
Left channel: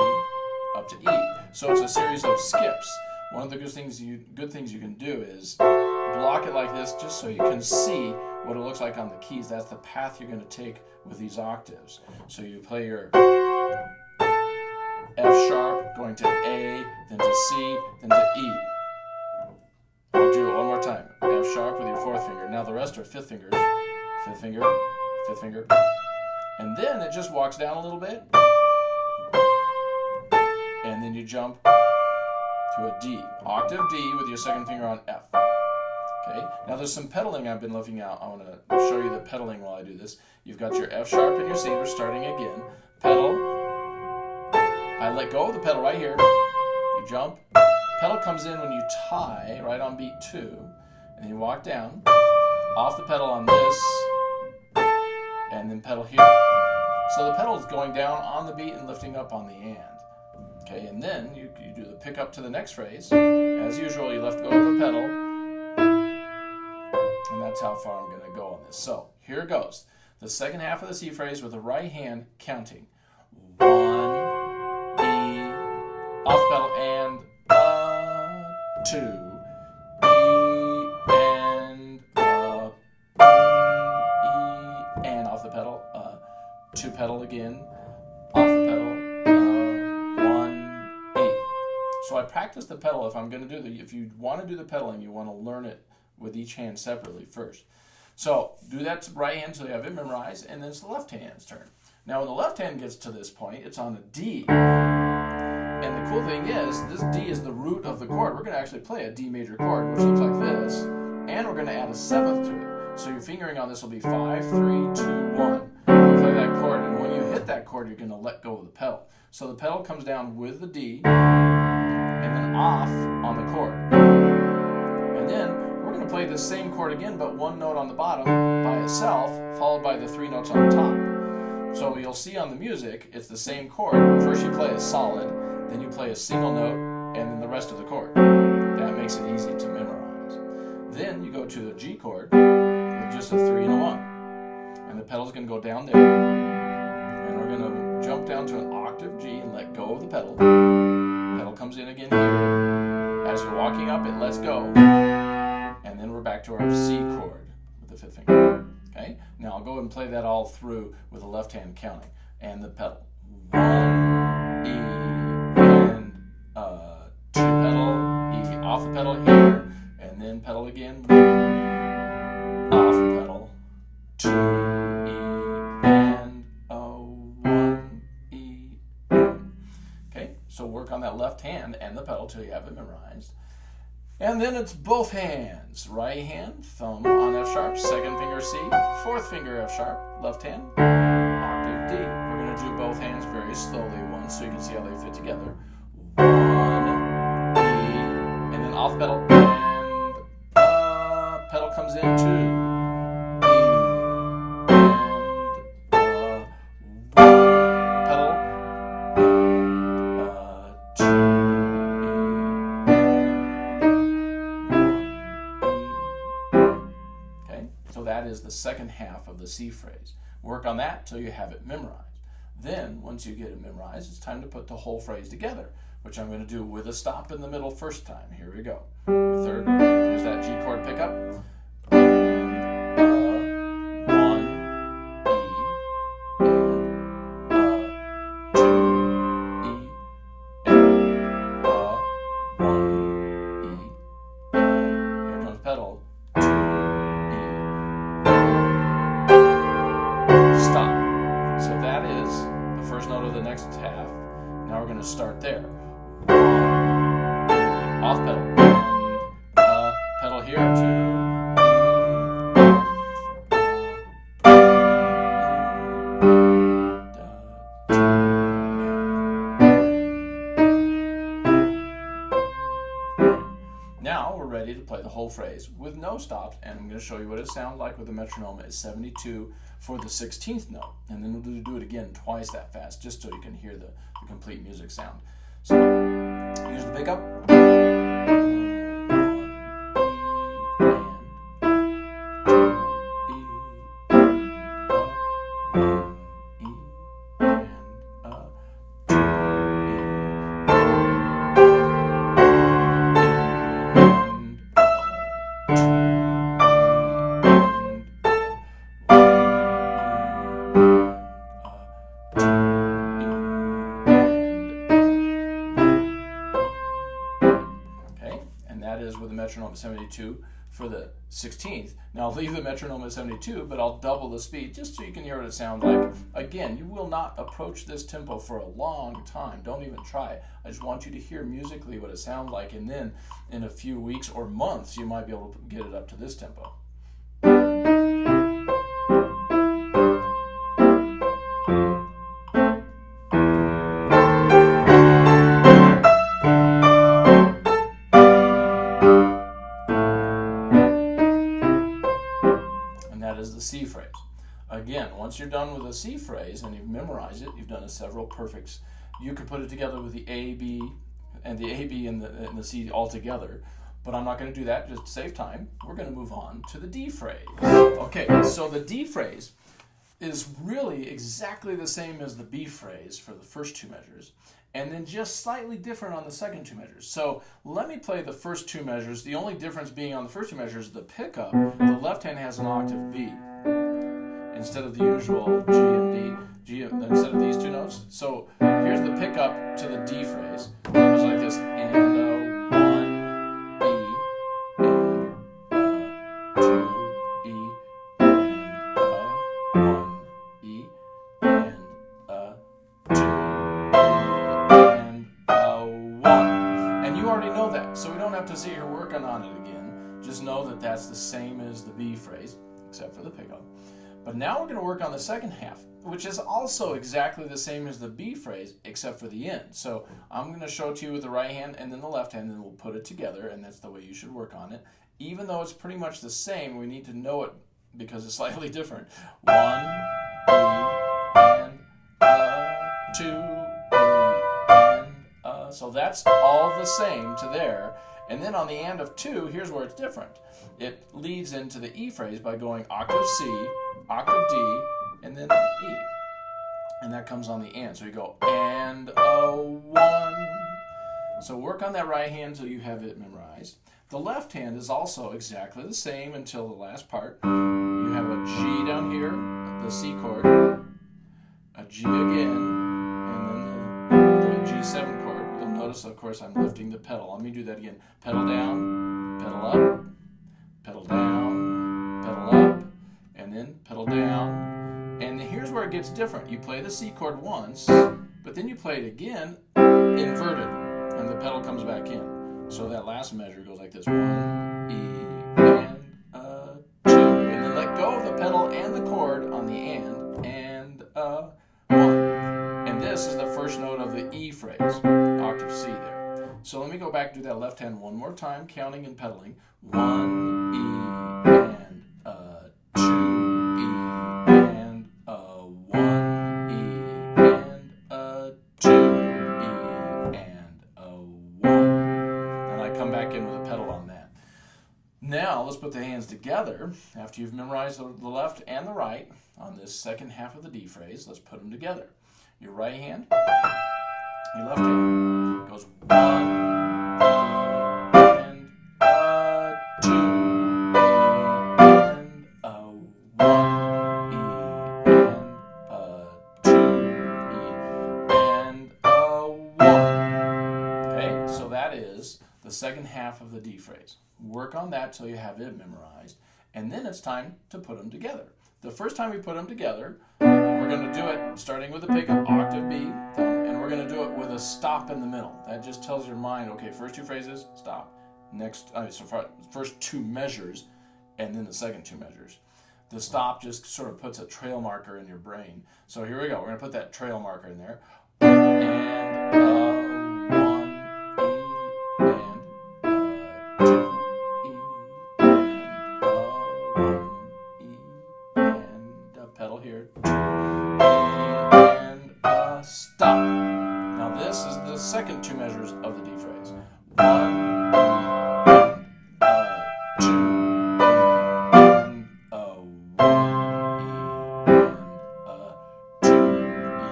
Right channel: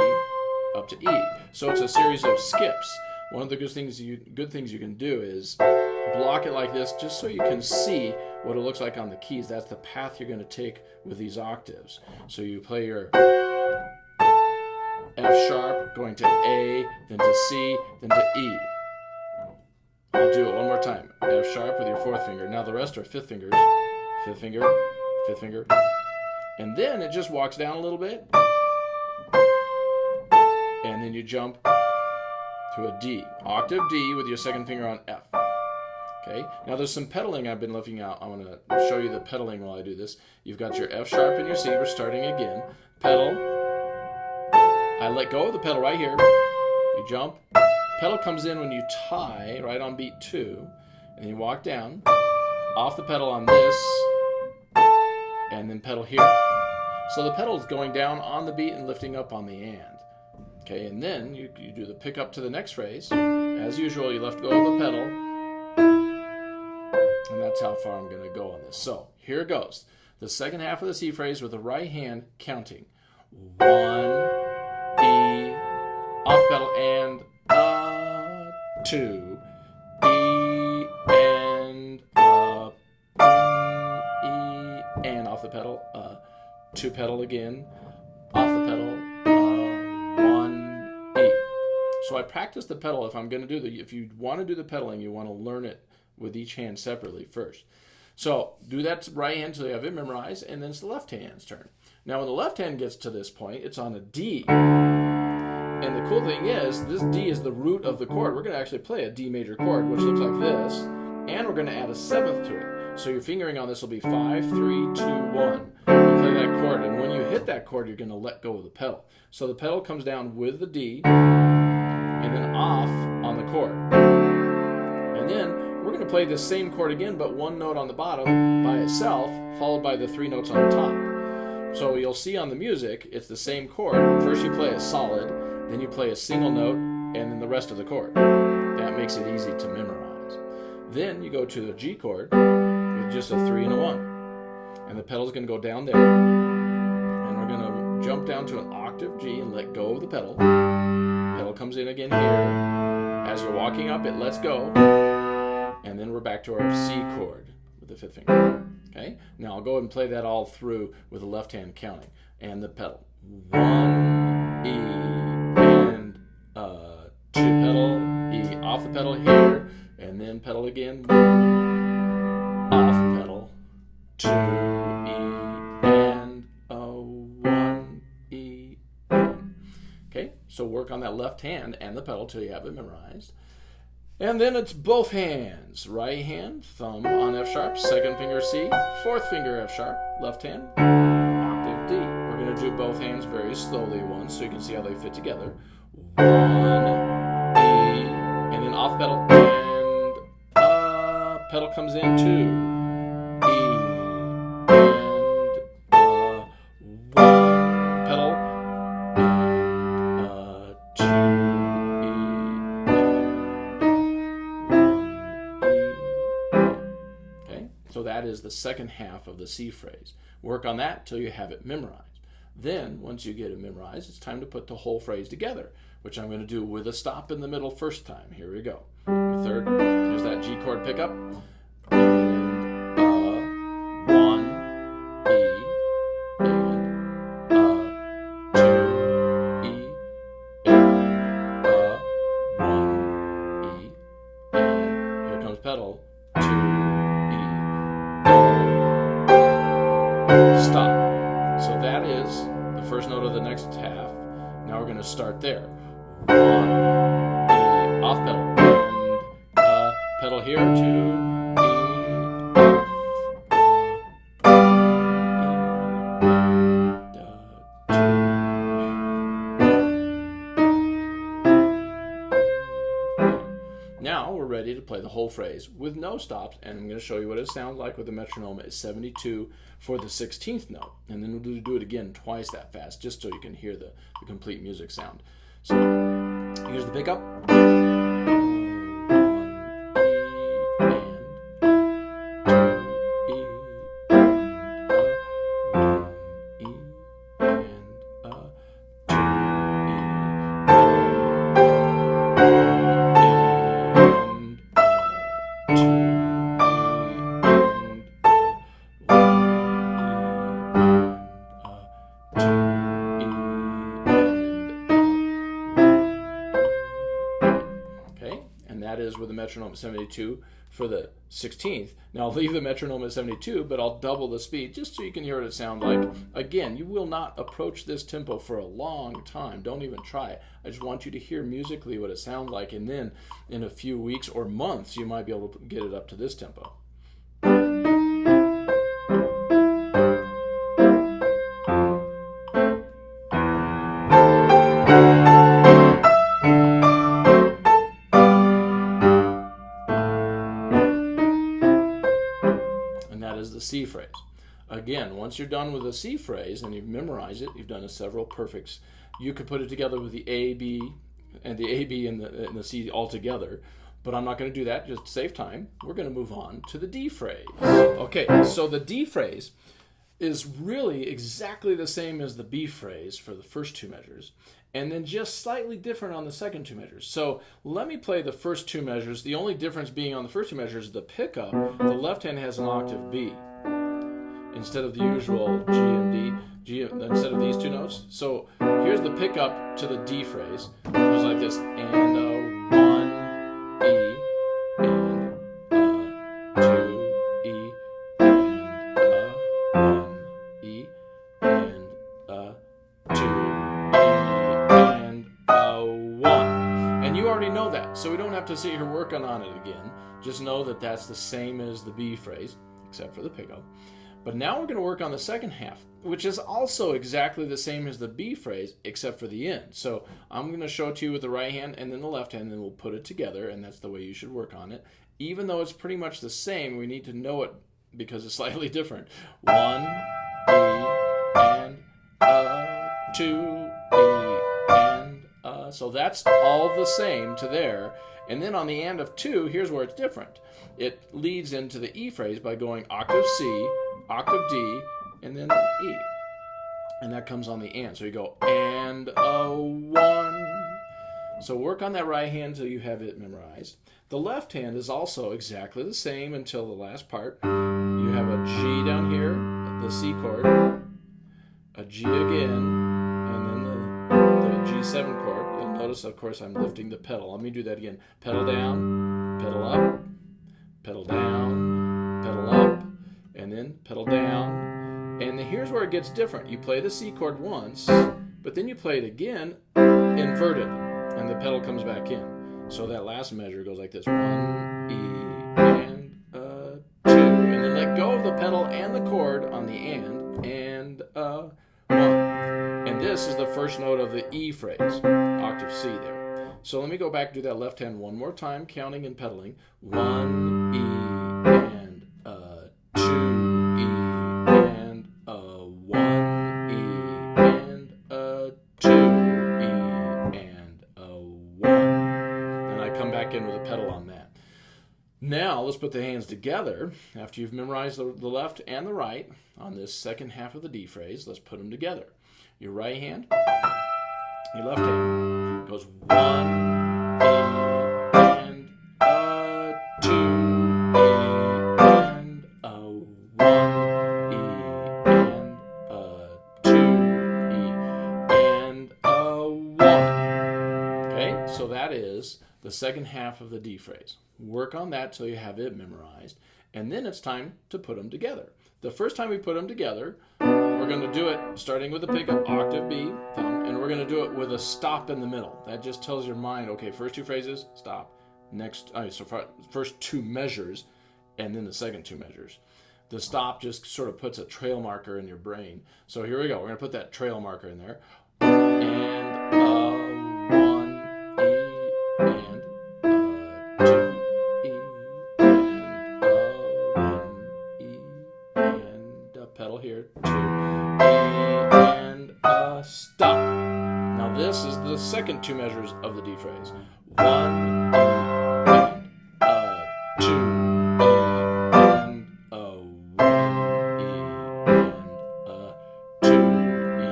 up to E. So it's a series of skips. One of the good things you can do is block it like this just so you can see what it looks like on the keys. That's the path you're going to take with these octaves. So you play your F sharp, going to A, then to C, then to E. I'll do it one more time. F sharp with your fourth finger. Now the rest are fifth fingers. Fifth finger, fifth finger. And then it just walks down a little bit. And then you jump to a D. Octave D with your second finger on F. Okay, now there's some pedaling I've been looking out. I want to show you the pedaling while I do this. You've got your F sharp and your C. We're starting again. Pedal. I let go of the pedal right here. You jump. Pedal comes in when you tie right on beat 2. And you walk down. Off the pedal on this. And then pedal here. So the pedal is going down on the beat and lifting up on the and. Okay, and then you do the pick up to the next phrase. As usual, you let go of the pedal. And that's how far I'm going to go on this. So here it goes. The second half of the C phrase with the right hand counting. 1, E, off pedal, and 2, E, and E, and off the pedal, 2 pedal again, off the pedal, 1, E. So I practice the pedal. If I'm going to do if you want to do the pedaling, you want to learn it with each hand separately first. So do that right hand until you have it memorized, and then it's the left hand's turn. Now when the left hand gets to this point, it's on a D. And the cool thing is, this D is the root of the chord. We're going to actually play a D major chord, which looks like this, and we're going to add a 7th to it. So your fingering on this will be 5, 3, 2, 1. You play that chord, and when you hit that chord, you're going to let go of the pedal. So the pedal comes down with the D, and then off on the chord. And then we're going to play this same chord again, but one note on the bottom by itself, followed by the 3 notes on the top. So you'll see on the music, it's the same chord. First you play a solid, then you play a single note, and then the rest of the chord. That makes it easy to memorize. Then you go to the G chord with just a 3 and a 1. And the pedal's going to go down there. And we're going to jump down to an octave G and let go of the pedal. Pedal comes in again here. As you're walking up, it lets go. And then we're back to our C chord with the 5th finger. Okay? Now I'll go ahead and play that all through with the left hand counting. And the pedal. 1, E, and 2 pedal, E off the pedal here, and then pedal again, off pedal, 2, E, and 1, E, and. Okay, so work on that left hand and the pedal till you have it memorized. And then it's both hands. Right hand, thumb on F sharp, second finger C, fourth finger F sharp, left hand, octave D. We're going to do both hands very slowly once so you can see how they fit together. 1, E, and then off pedal, and pedal comes in 2, E, and 1, pedal, and 2, E, okay, so that is the second half of the C phrase. Work on that till you have it memorized. Then, once you get it memorized, it's time to put the whole phrase together, which I'm going to do with a stop in the middle first time. Here we go. The third, here's that G chord pickup. And 1, E, and 2, E, and 1, E, and here comes pedal, 2, E, and stop. So that is the first note of the next half. Now we're going to start there. 1, E, off pedal, and pedal here, 2, E, Now we're ready to play the whole phrase with no stops, and I'm going to show you what it sounds like with the metronome at 72 for the 16th note. And then we'll do it again twice that fast, just so you can hear the complete music sound. So here's the pickup. with a metronome at 72 for the 16th. Now I'll leave the metronome at 72, but I'll double the speed just so you can hear what it sounds like. Again, you will not approach this tempo for a long time. Don't even try it. I just want you to hear musically what it sounds like, and then in a few weeks or months, you might be able to get it up to this tempo. C phrase. Again, once you're done with the C phrase and you've memorized it, you've done several perfects, you could put it together with the A, B, and the A, B, and the C all together. But I'm not going to do that just to save time. We're going to move on to the D phrase. Okay, so the D phrase is really exactly the same as the B phrase for the first two measures, and then just slightly different on the second two measures. So let me play the first two measures. The only difference being on the first two measures is the pickup. The left hand has an octave B instead of the usual G and D, instead of these two notes. So here's the pickup to the D phrase. It goes like this, and one, E, and two, E, and one, E, and two, E, and one. And you already know that, so we don't have to sit here working on it again. Just know that that's the same as the B phrase, except for the pickup. But now we're going to work on the second half, which is also exactly the same as the B phrase, except for the end. So I'm going to show it to you with the right hand and then the left hand, and then we'll put it together, and that's the way you should work on it. Even though it's pretty much the same, we need to know it because it's slightly different. One, E, and two, E, and so that's all the same to there. And then on the end of two, here's where it's different. It leads into the E phrase by going octave C, octave D, and then E. And that comes on the and. So you go and a one. So work on that right hand until you have it memorized. The left hand is also exactly the same until the last part. You have a G down here, the C chord, a G again, and then the G7 chord. You'll notice, of course, I'm lifting the pedal. Let me do that again. Pedal down, pedal up, pedal down, pedal up, and then pedal down. And here's where it gets different. You play the C chord once, but then you play it again inverted, and the pedal comes back in. So that last measure goes like this. One, E, and two. And then let go of the pedal and the chord on the and one. And this is the first note of the E phrase, octave C there. So let me go back and do that left hand one more time, counting and pedaling. One, E, and two, E, and one, E, and two, E, and one. And I come back in with a pedal on that. Now let's put the hands together. After you've memorized the left and the right on this second half of the D phrase, let's put them together. Your right hand, your left hand goes one, E, and two, E, and one, E, and two, E, and one. Okay, so that is the second half of the D phrase. Work on that till you have it memorized, and then it's time to put them together. The first time we put them together, we're going to do it starting with a pickup, octave B, and we're going to do it with a stop in the middle. That just tells your mind, okay, first two phrases, stop. First two measures, and then the second two measures. The stop just sort of puts a trail marker in your brain. So here we go. We're going to put that trail marker in there. And one, E, and two, E, and one, E, and pedal here. Stop. Now this is the second two measures of the D phrase. One, E, and two, E, and one, E, and two, E,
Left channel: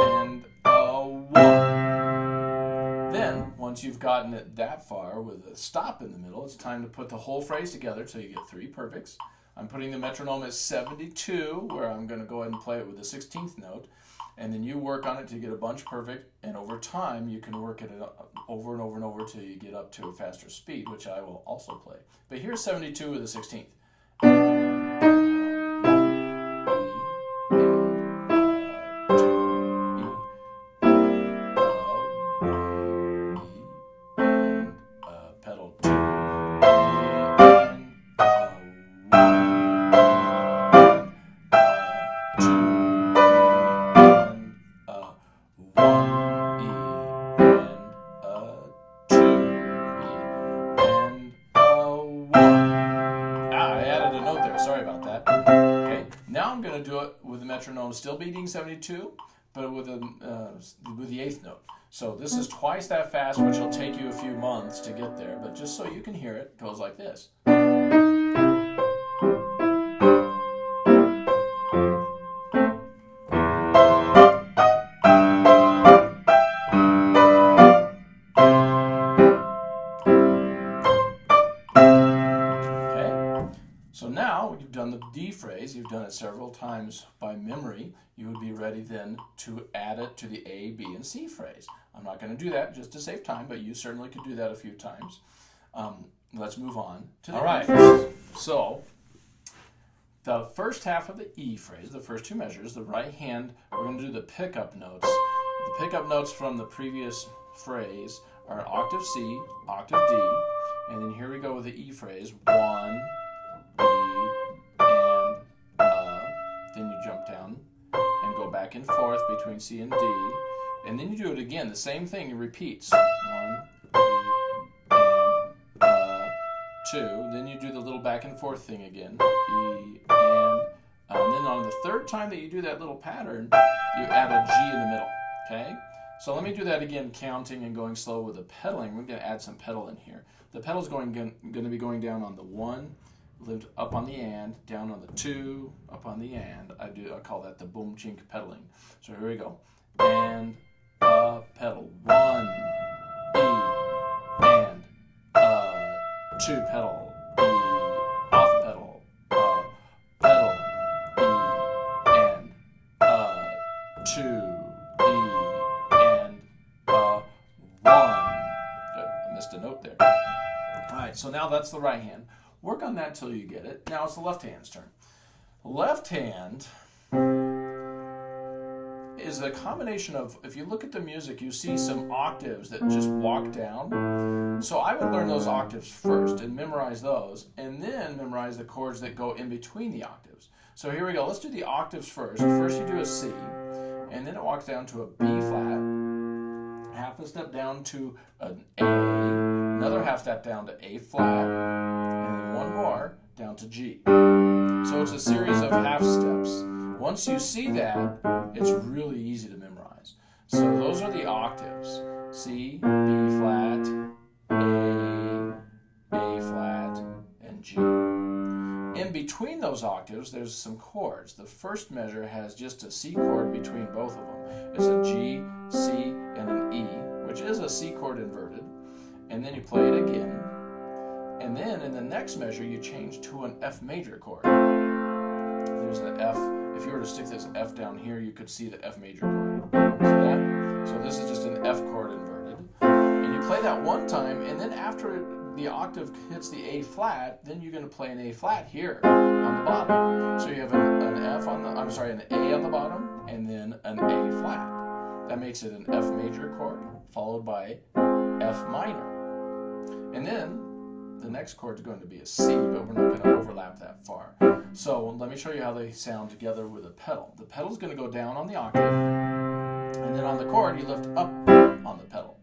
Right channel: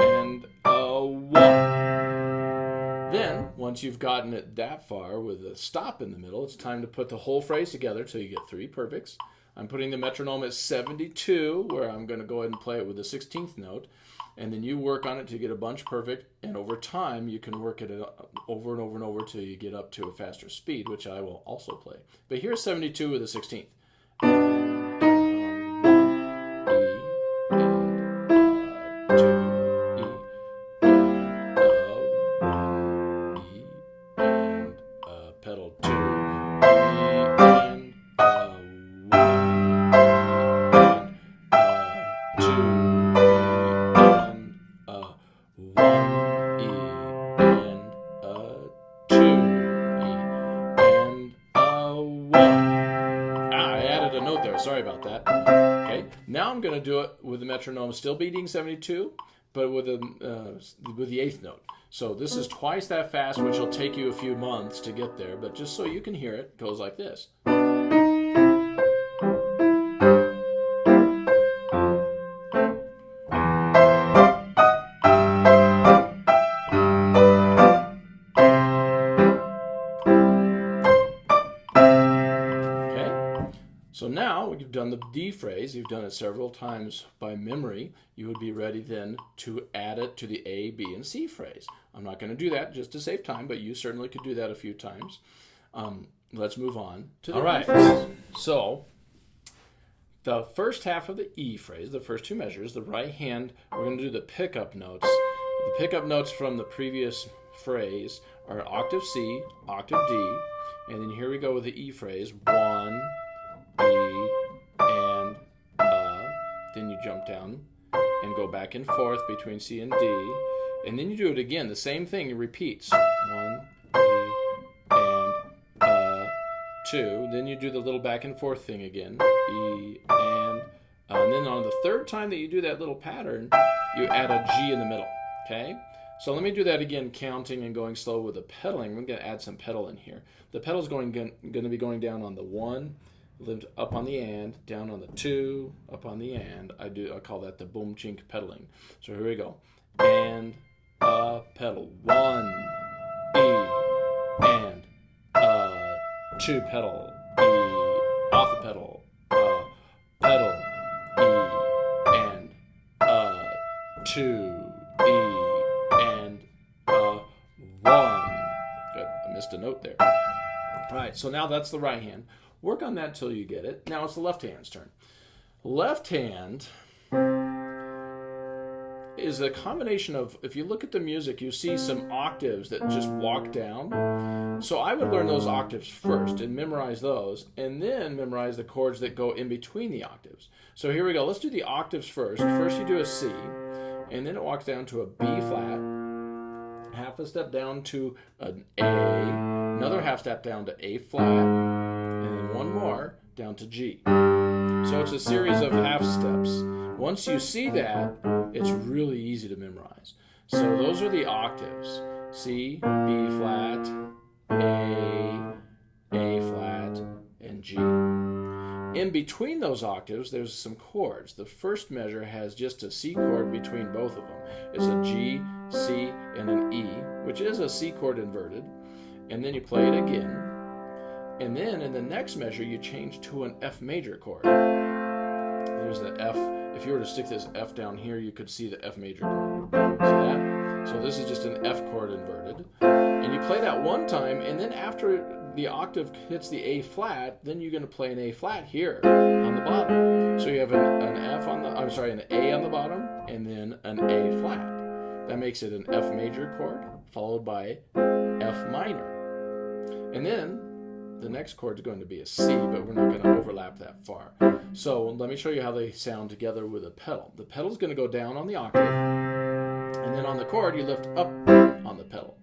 and one. Then, once you've gotten it that far with a stop in the middle, it's time to put the whole phrase together till you get three perfects. I'm putting the metronome at 72, where I'm going to go ahead and play it with the 16th note. and then you work on it to get a bunch perfect, and over time you can work it over and over and over till you get up to a faster speed, which I will also play. But here's 72 with a 16th. Sorry about that. Okay, now I'm going to do it with the metronome still beating 72, but with the eighth note. So this is twice that fast, which will take you a few months to get there, but just so you can hear it, it goes like this. So now you've done the D phrase, you've done it several times by memory, you would be ready then to add it to the A, B, and C phrase. I'm not going to do that just to save time, but you certainly could do that a few times. Let's move on to the E phrase. So the first half of the E phrase, the first two measures, the right hand, we're going to do the pickup notes. The pickup notes from the previous phrase are octave C, octave D, and then here we go with the E phrase, 1, E, and then you jump down and go back and forth between C and D, and then you do it again, the same thing, it repeats, 1, E, and 2, then you do the little back and forth thing again, E, and then on the third time that you do that little pattern, you add a G in the middle, okay? So let me do that again, counting and going slow with the pedaling. We're going to add some pedal in here. The pedal's going to be going down on the 1, lift up on the and, down on the 2, up on the and. I call that the boom chink pedaling. So here we go. And pedal 1, E, and 2 pedal, E, off the pedal, pedal, E, and 2, E, and 1. Good, I missed a note there. All right, so now that's the right hand. Work on that till you get it. Now it's the left hand's turn. Left hand is a combination of, if you look at the music, you see some octaves that just walk down. So I would learn those octaves first and memorize those, and then memorize the chords that go in between the octaves. So here we go. Let's do the octaves first. First you do a C, and then it walks down to a B flat, half a step down to an A, another half step down to A flat, and then one more down to G. So it's a series of half steps. Once you see that, it's really easy to memorize. So those are the octaves. C, B flat, A flat, and G. In between those octaves, there's some chords. The first measure has just a C chord between both of them. It's a G, C, and an E, which is a C chord inverted. And then you play it again. And then in the next measure, you change to an F major chord. There's the F. If you were to stick this F down here, you could see the F major chord. So this is just an F chord inverted. And you play that one time, and then after the octave hits the A flat, then you're going to play an A flat here on the bottom. So you have an A on the bottom, and then an A flat. That makes it an F major chord, followed by F minor. And then the next chord is going to be a C, but we're not going to overlap that far. So let me show you how they sound together with a pedal. The pedal is going to go down on the octave, and then on the chord you lift up on the pedal.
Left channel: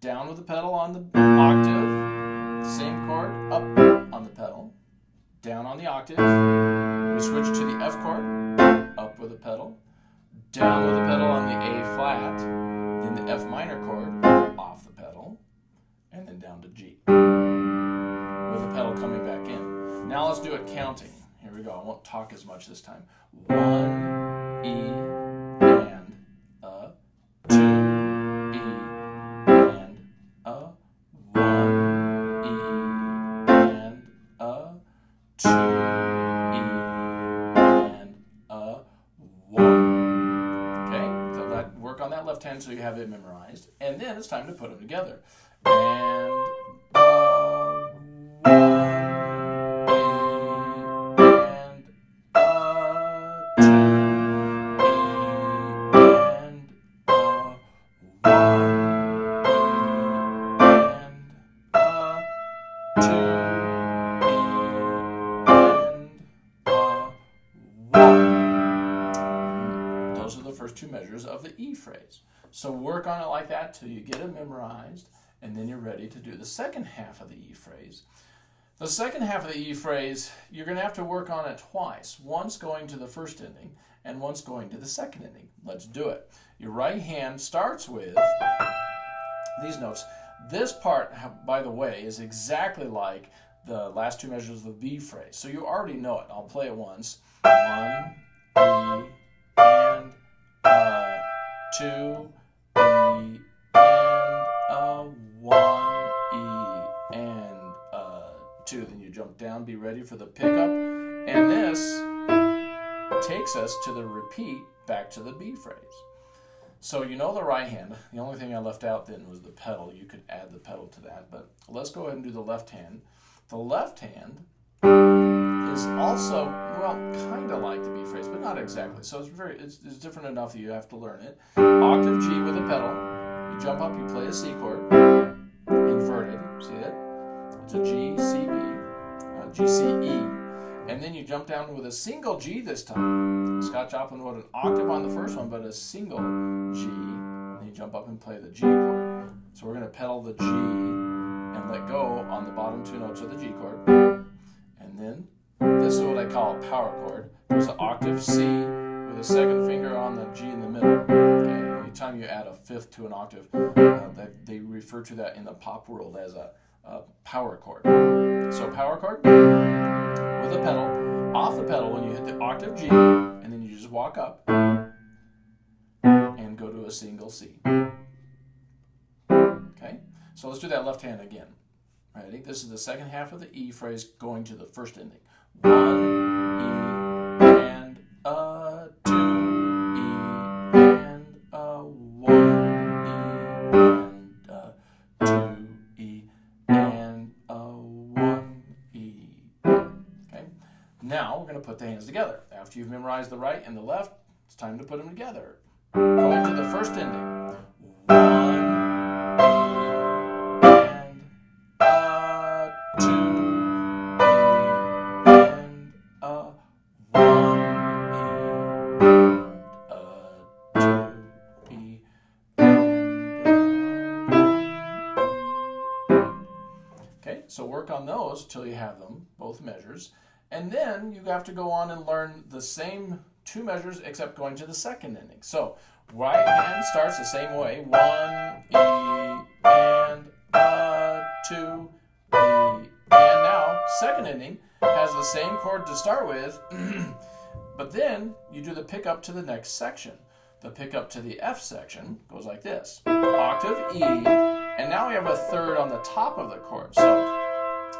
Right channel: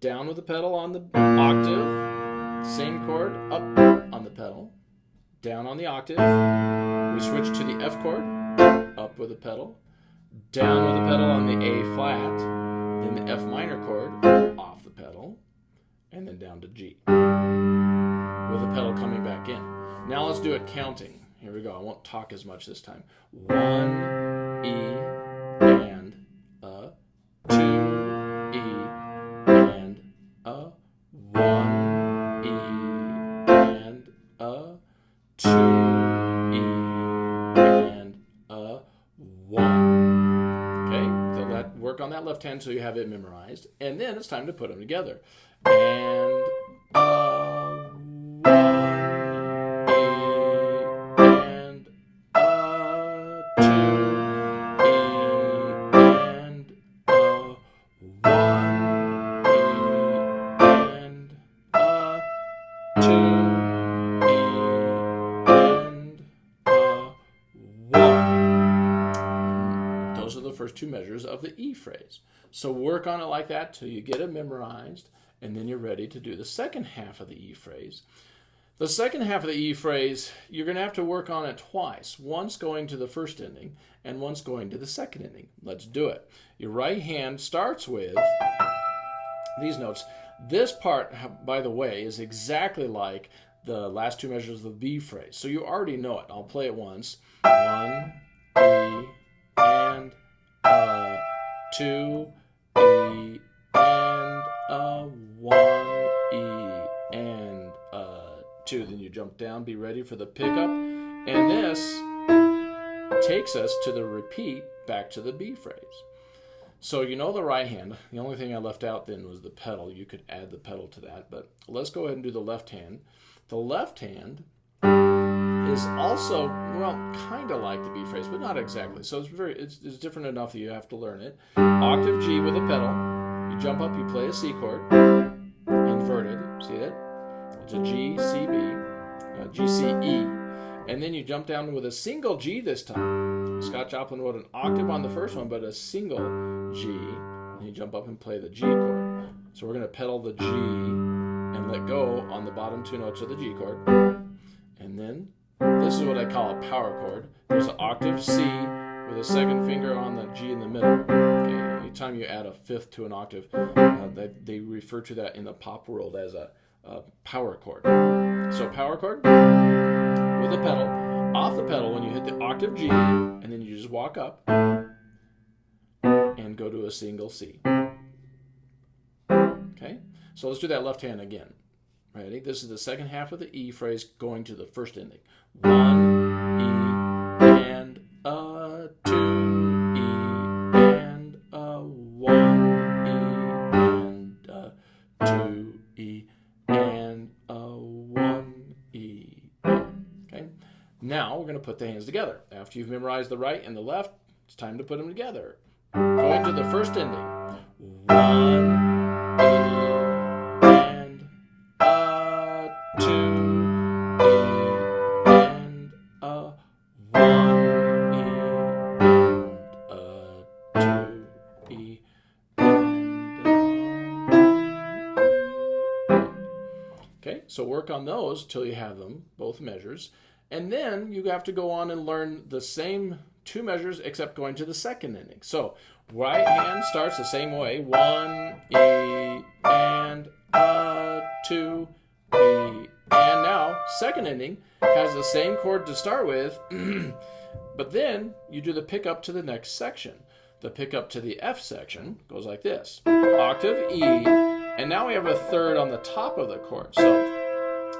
Down with the pedal on the octave, same chord, up on the pedal. Down on the octave, we switch to the F chord, up with the pedal. Down with the pedal on the A flat, then the F minor chord, off the pedal, and then down to G, with the pedal coming back in. Now let's do it counting. Here we go. I won't talk as much this time. 1, E, and 2, E, and 1, E, and 2, E, and 1. Okay? hand until you have it memorized, and then it's time to put them together. And one, E, and two, E, and one, E, and two, E, and one. Those are the first two measures of the E phrase. So work on it like that till you get it memorized, and then you're ready to do the second half of the E phrase. The second half of the E phrase, you're going to have to work on it twice, once going to the first ending and once going to the second ending. Let's do it. Your right hand starts with these notes. This part, by the way, is exactly like the last two measures of the B phrase, so you already know it. I'll play it once. One, E, and two, E, and one, E, and two. Then you jump down, be ready for the pickup, and this takes us to the repeat back to the B phrase. So you know the right hand. The only thing I left out then was the pedal. You could add the pedal to that, but let's go ahead and do the left hand. The left hand is also, well, kind of like the B phrase, but not exactly. So it's different enough that you have to learn it. Octave G with a pedal. You jump up, you play a C chord, inverted. See it? It's a G, C, B, G, C, E, and then you jump down with a single G this time. Scott Joplin wrote an octave on the first one, but a single G, and you jump up and play the G chord. So we're going to pedal the G and let go on the bottom two notes of the G chord, and then this is what I call a power chord. There's an octave C with a second finger on the G in the middle. Okay? Anytime you add a fifth to an octave, they refer to that in the pop world as a power chord. So power chord with a pedal, off the pedal when you hit the octave G, and then you just walk up and go to a single C. Okay? So let's do that left hand again. Ready? This is the second half of the E phrase going to the first ending. One, E, and two, E, and one, E, and two, E, and one, E. Okay? Now we're going to put the hands together. After you've memorized the right and the left, it's time to put them together. Going to the first ending. One, E, and two, E, and one, E, and two, E, and okay, so work on those till you have them, both measures. And then you have to go on and learn the same two measures except going to the second ending. So right hand starts the same way. One, E, and two, E. And now, second ending has the same chord to start with, but then you do the pickup to the next section. The pickup to the F section goes like this. Octave E, and now we have a third on the top of the chord. So,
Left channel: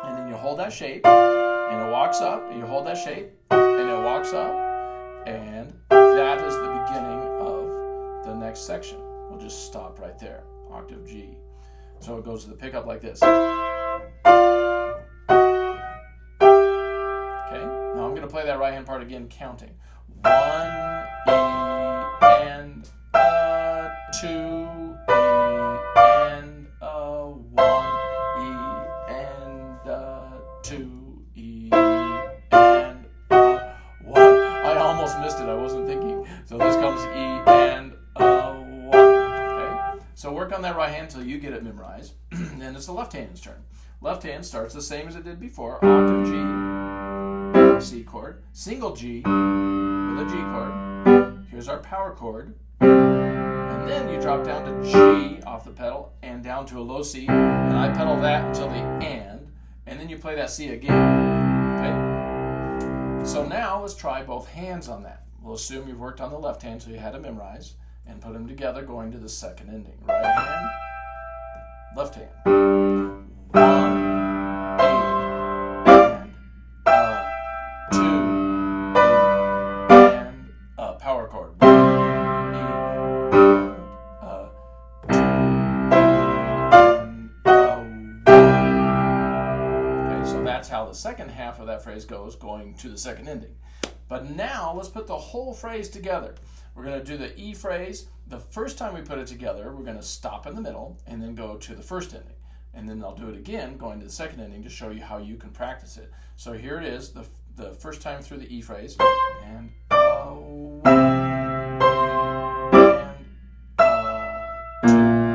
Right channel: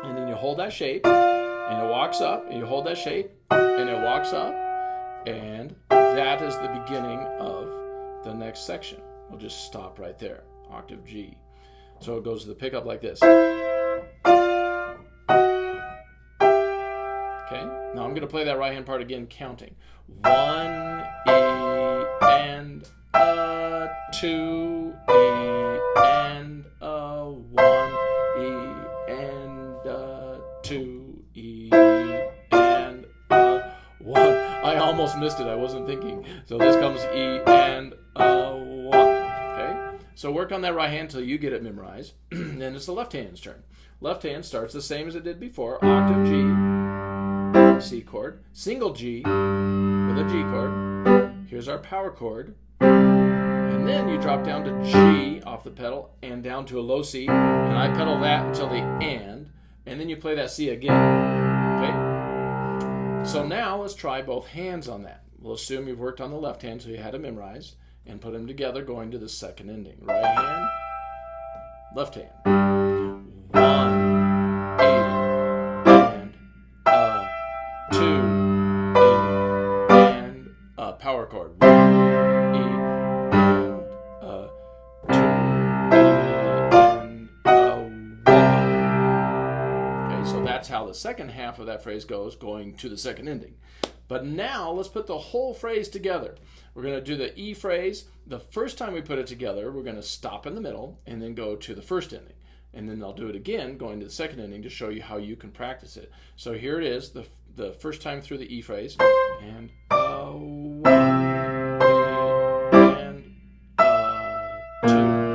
and then you hold that shape, and it walks up, and you hold that shape, and it walks up, and that is the beginning of the next section. We'll just stop right there, octave G. So it goes to the pickup like this. Okay, now I'm going to play that right hand part again, counting. One, E, and two, E, and one, E, and two, E, and one. I almost missed it. I wasn't thinking. So this comes E and one. Okay? So work on that right hand until you get it memorized. Then it's the left hand's turn. Left hand starts the same as it did before. Octave G, C chord, single G with a G chord. Here's our power chord. And then you drop down to G off the pedal and down to a low C. And I pedal that until the and then you play that C again. Okay? So now let's try both hands on that. We'll assume you've worked on the left hand so you had it memorized, and put them together going to the second ending. Right hand, left hand. One, E, and two, E, and power chord. One, E, and how the second half of that phrase goes, going to the second ending. But now let's put the whole phrase together. We're going to do the E phrase. The first time we put it together, we're going to stop in the middle and then go to the first ending. And then I'll do it again, going to the second ending to show you how you can practice it. So here it is, the first time through the E phrase. And one, and two,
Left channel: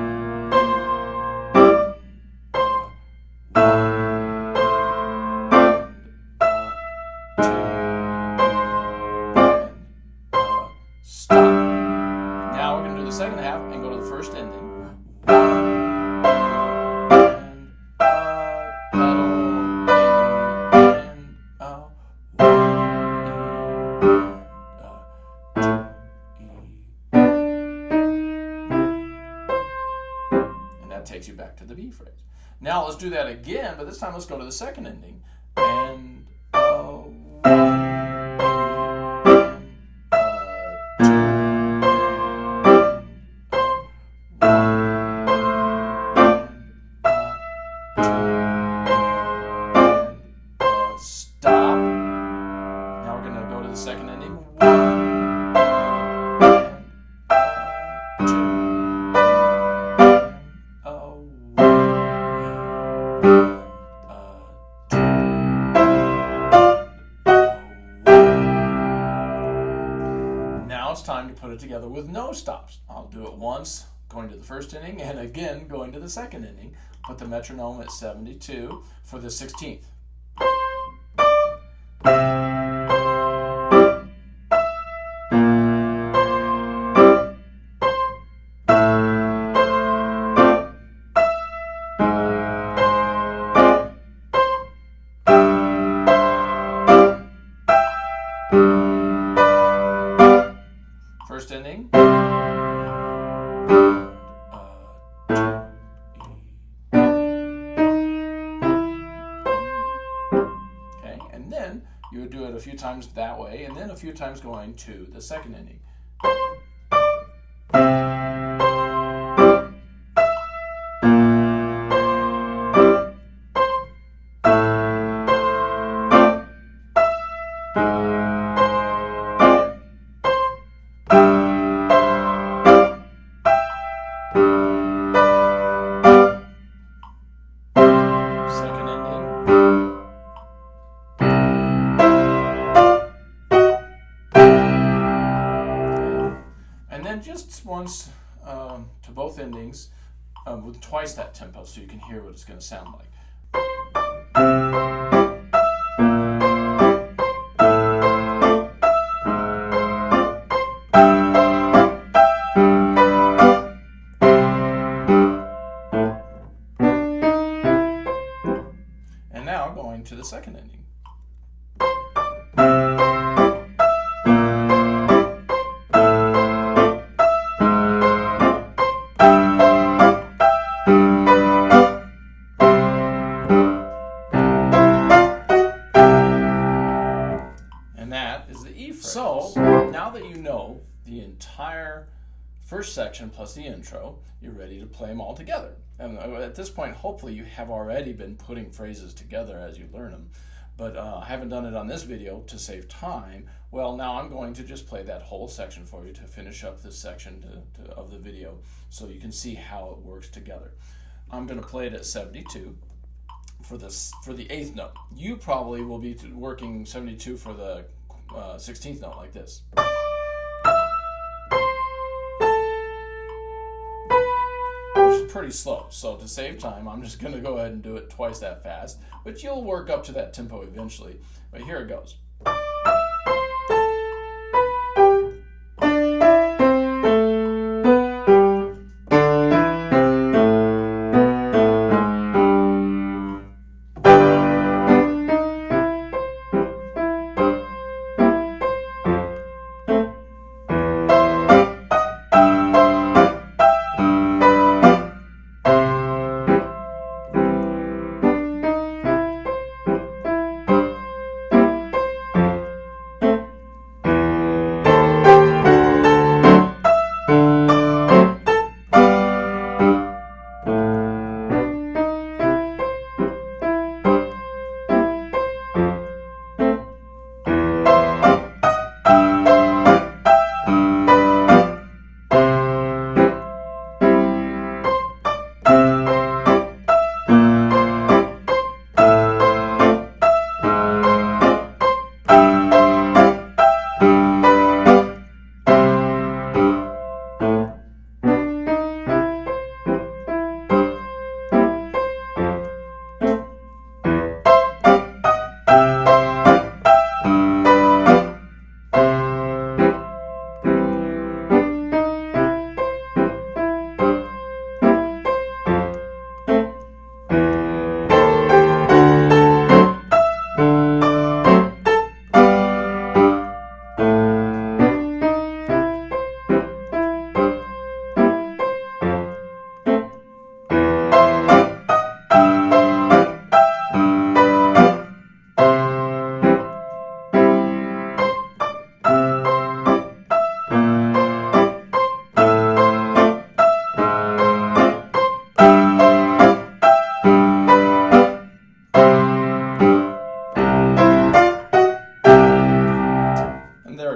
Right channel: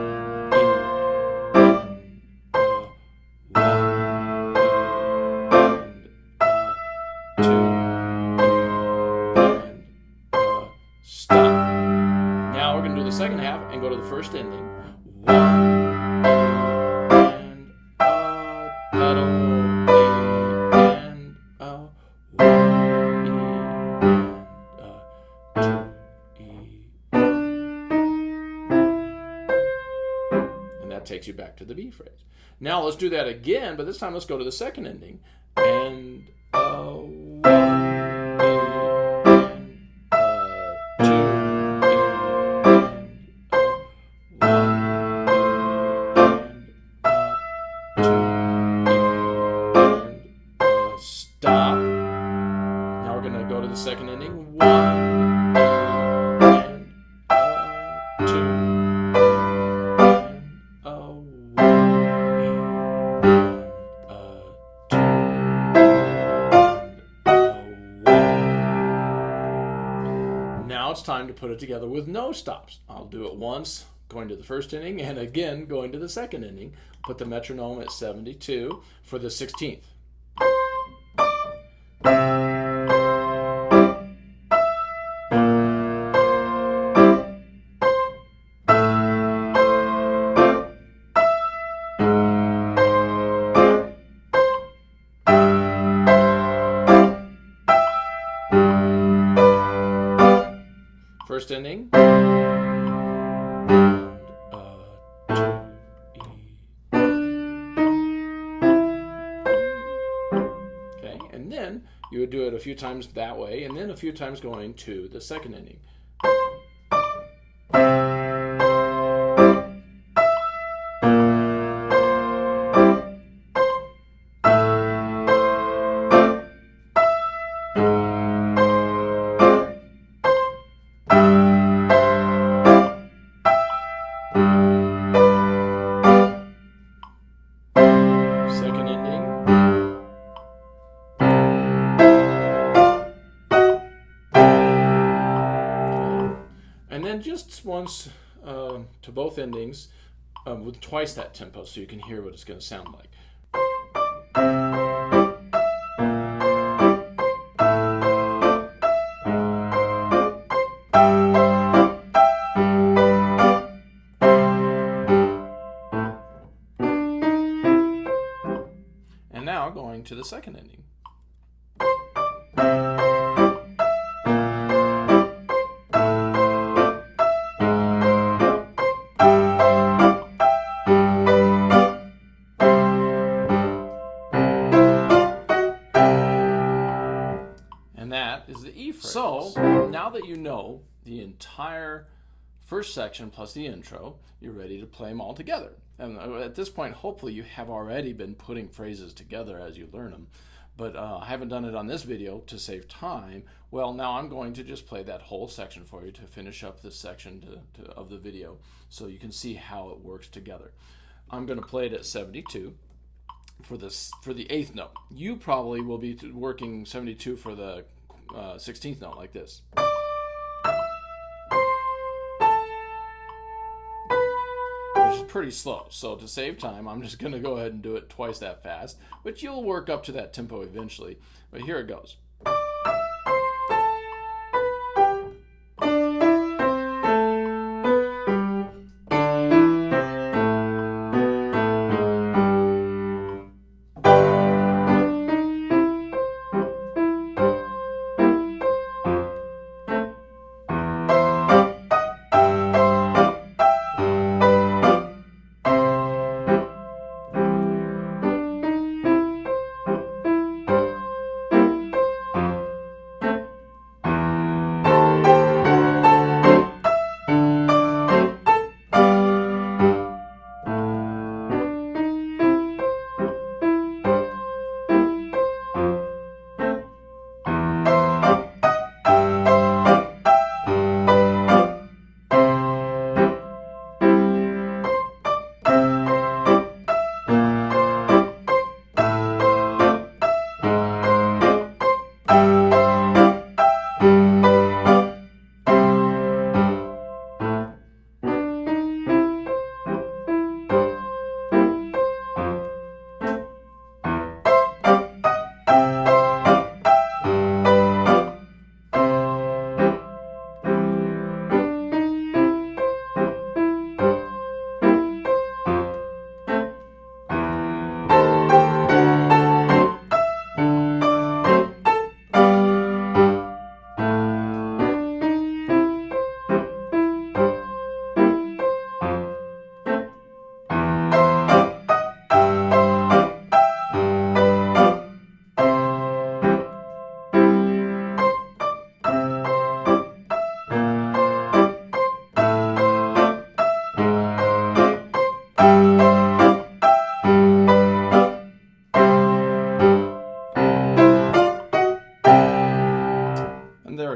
stop. Now we're going to do the second half and go to the first ending. Takes you back to the B phrase. Now let's do that again, but this time let's go to the second ending. And stop. Now we're going to go to the second ending. Now it's time to put it together with no stops. I'll do it once, going to the first ending, and again going to the second ending. Put the metronome at 72 for the 16th. First ending. Okay, and then you would do it a few times that way, and then a few times going to the second ending. And then just once to both endings with twice that tempo so you can hear what it's going to sound like. And now going to the second ending. So, now that you know the entire first section plus the intro, you're ready to play them all together. And at this point, hopefully you have already been putting phrases together as you learn them. But I haven't done it on this video to save time. Well, now I'm going to just play that whole section for you to finish up this section of the video so you can see how it works together. I'm going to play it at 72. For the 8th note. You probably will be working 72 for the 16th note like this. Which is pretty slow. So to save time, I'm just going to go ahead and do it twice that fast. But you'll work up to that tempo eventually. But here it goes.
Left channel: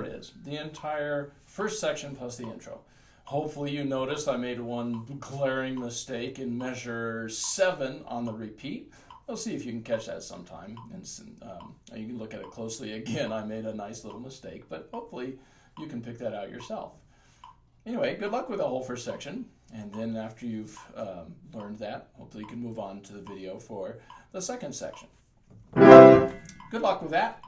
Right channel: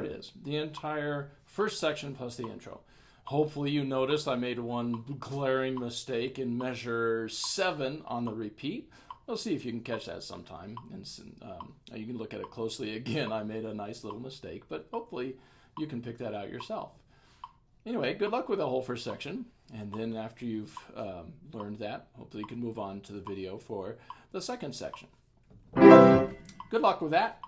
it is, the entire first section plus the intro. Hopefully you noticed I made one glaring mistake in measure 7 on the repeat. We'll see if you can catch that sometime. And you can look at it closely again. I made a nice little mistake, but hopefully you can pick that out yourself. Anyway, good luck with the whole first section. And then after you've learned that, hopefully you can move on to the video for the second section. Good luck with that.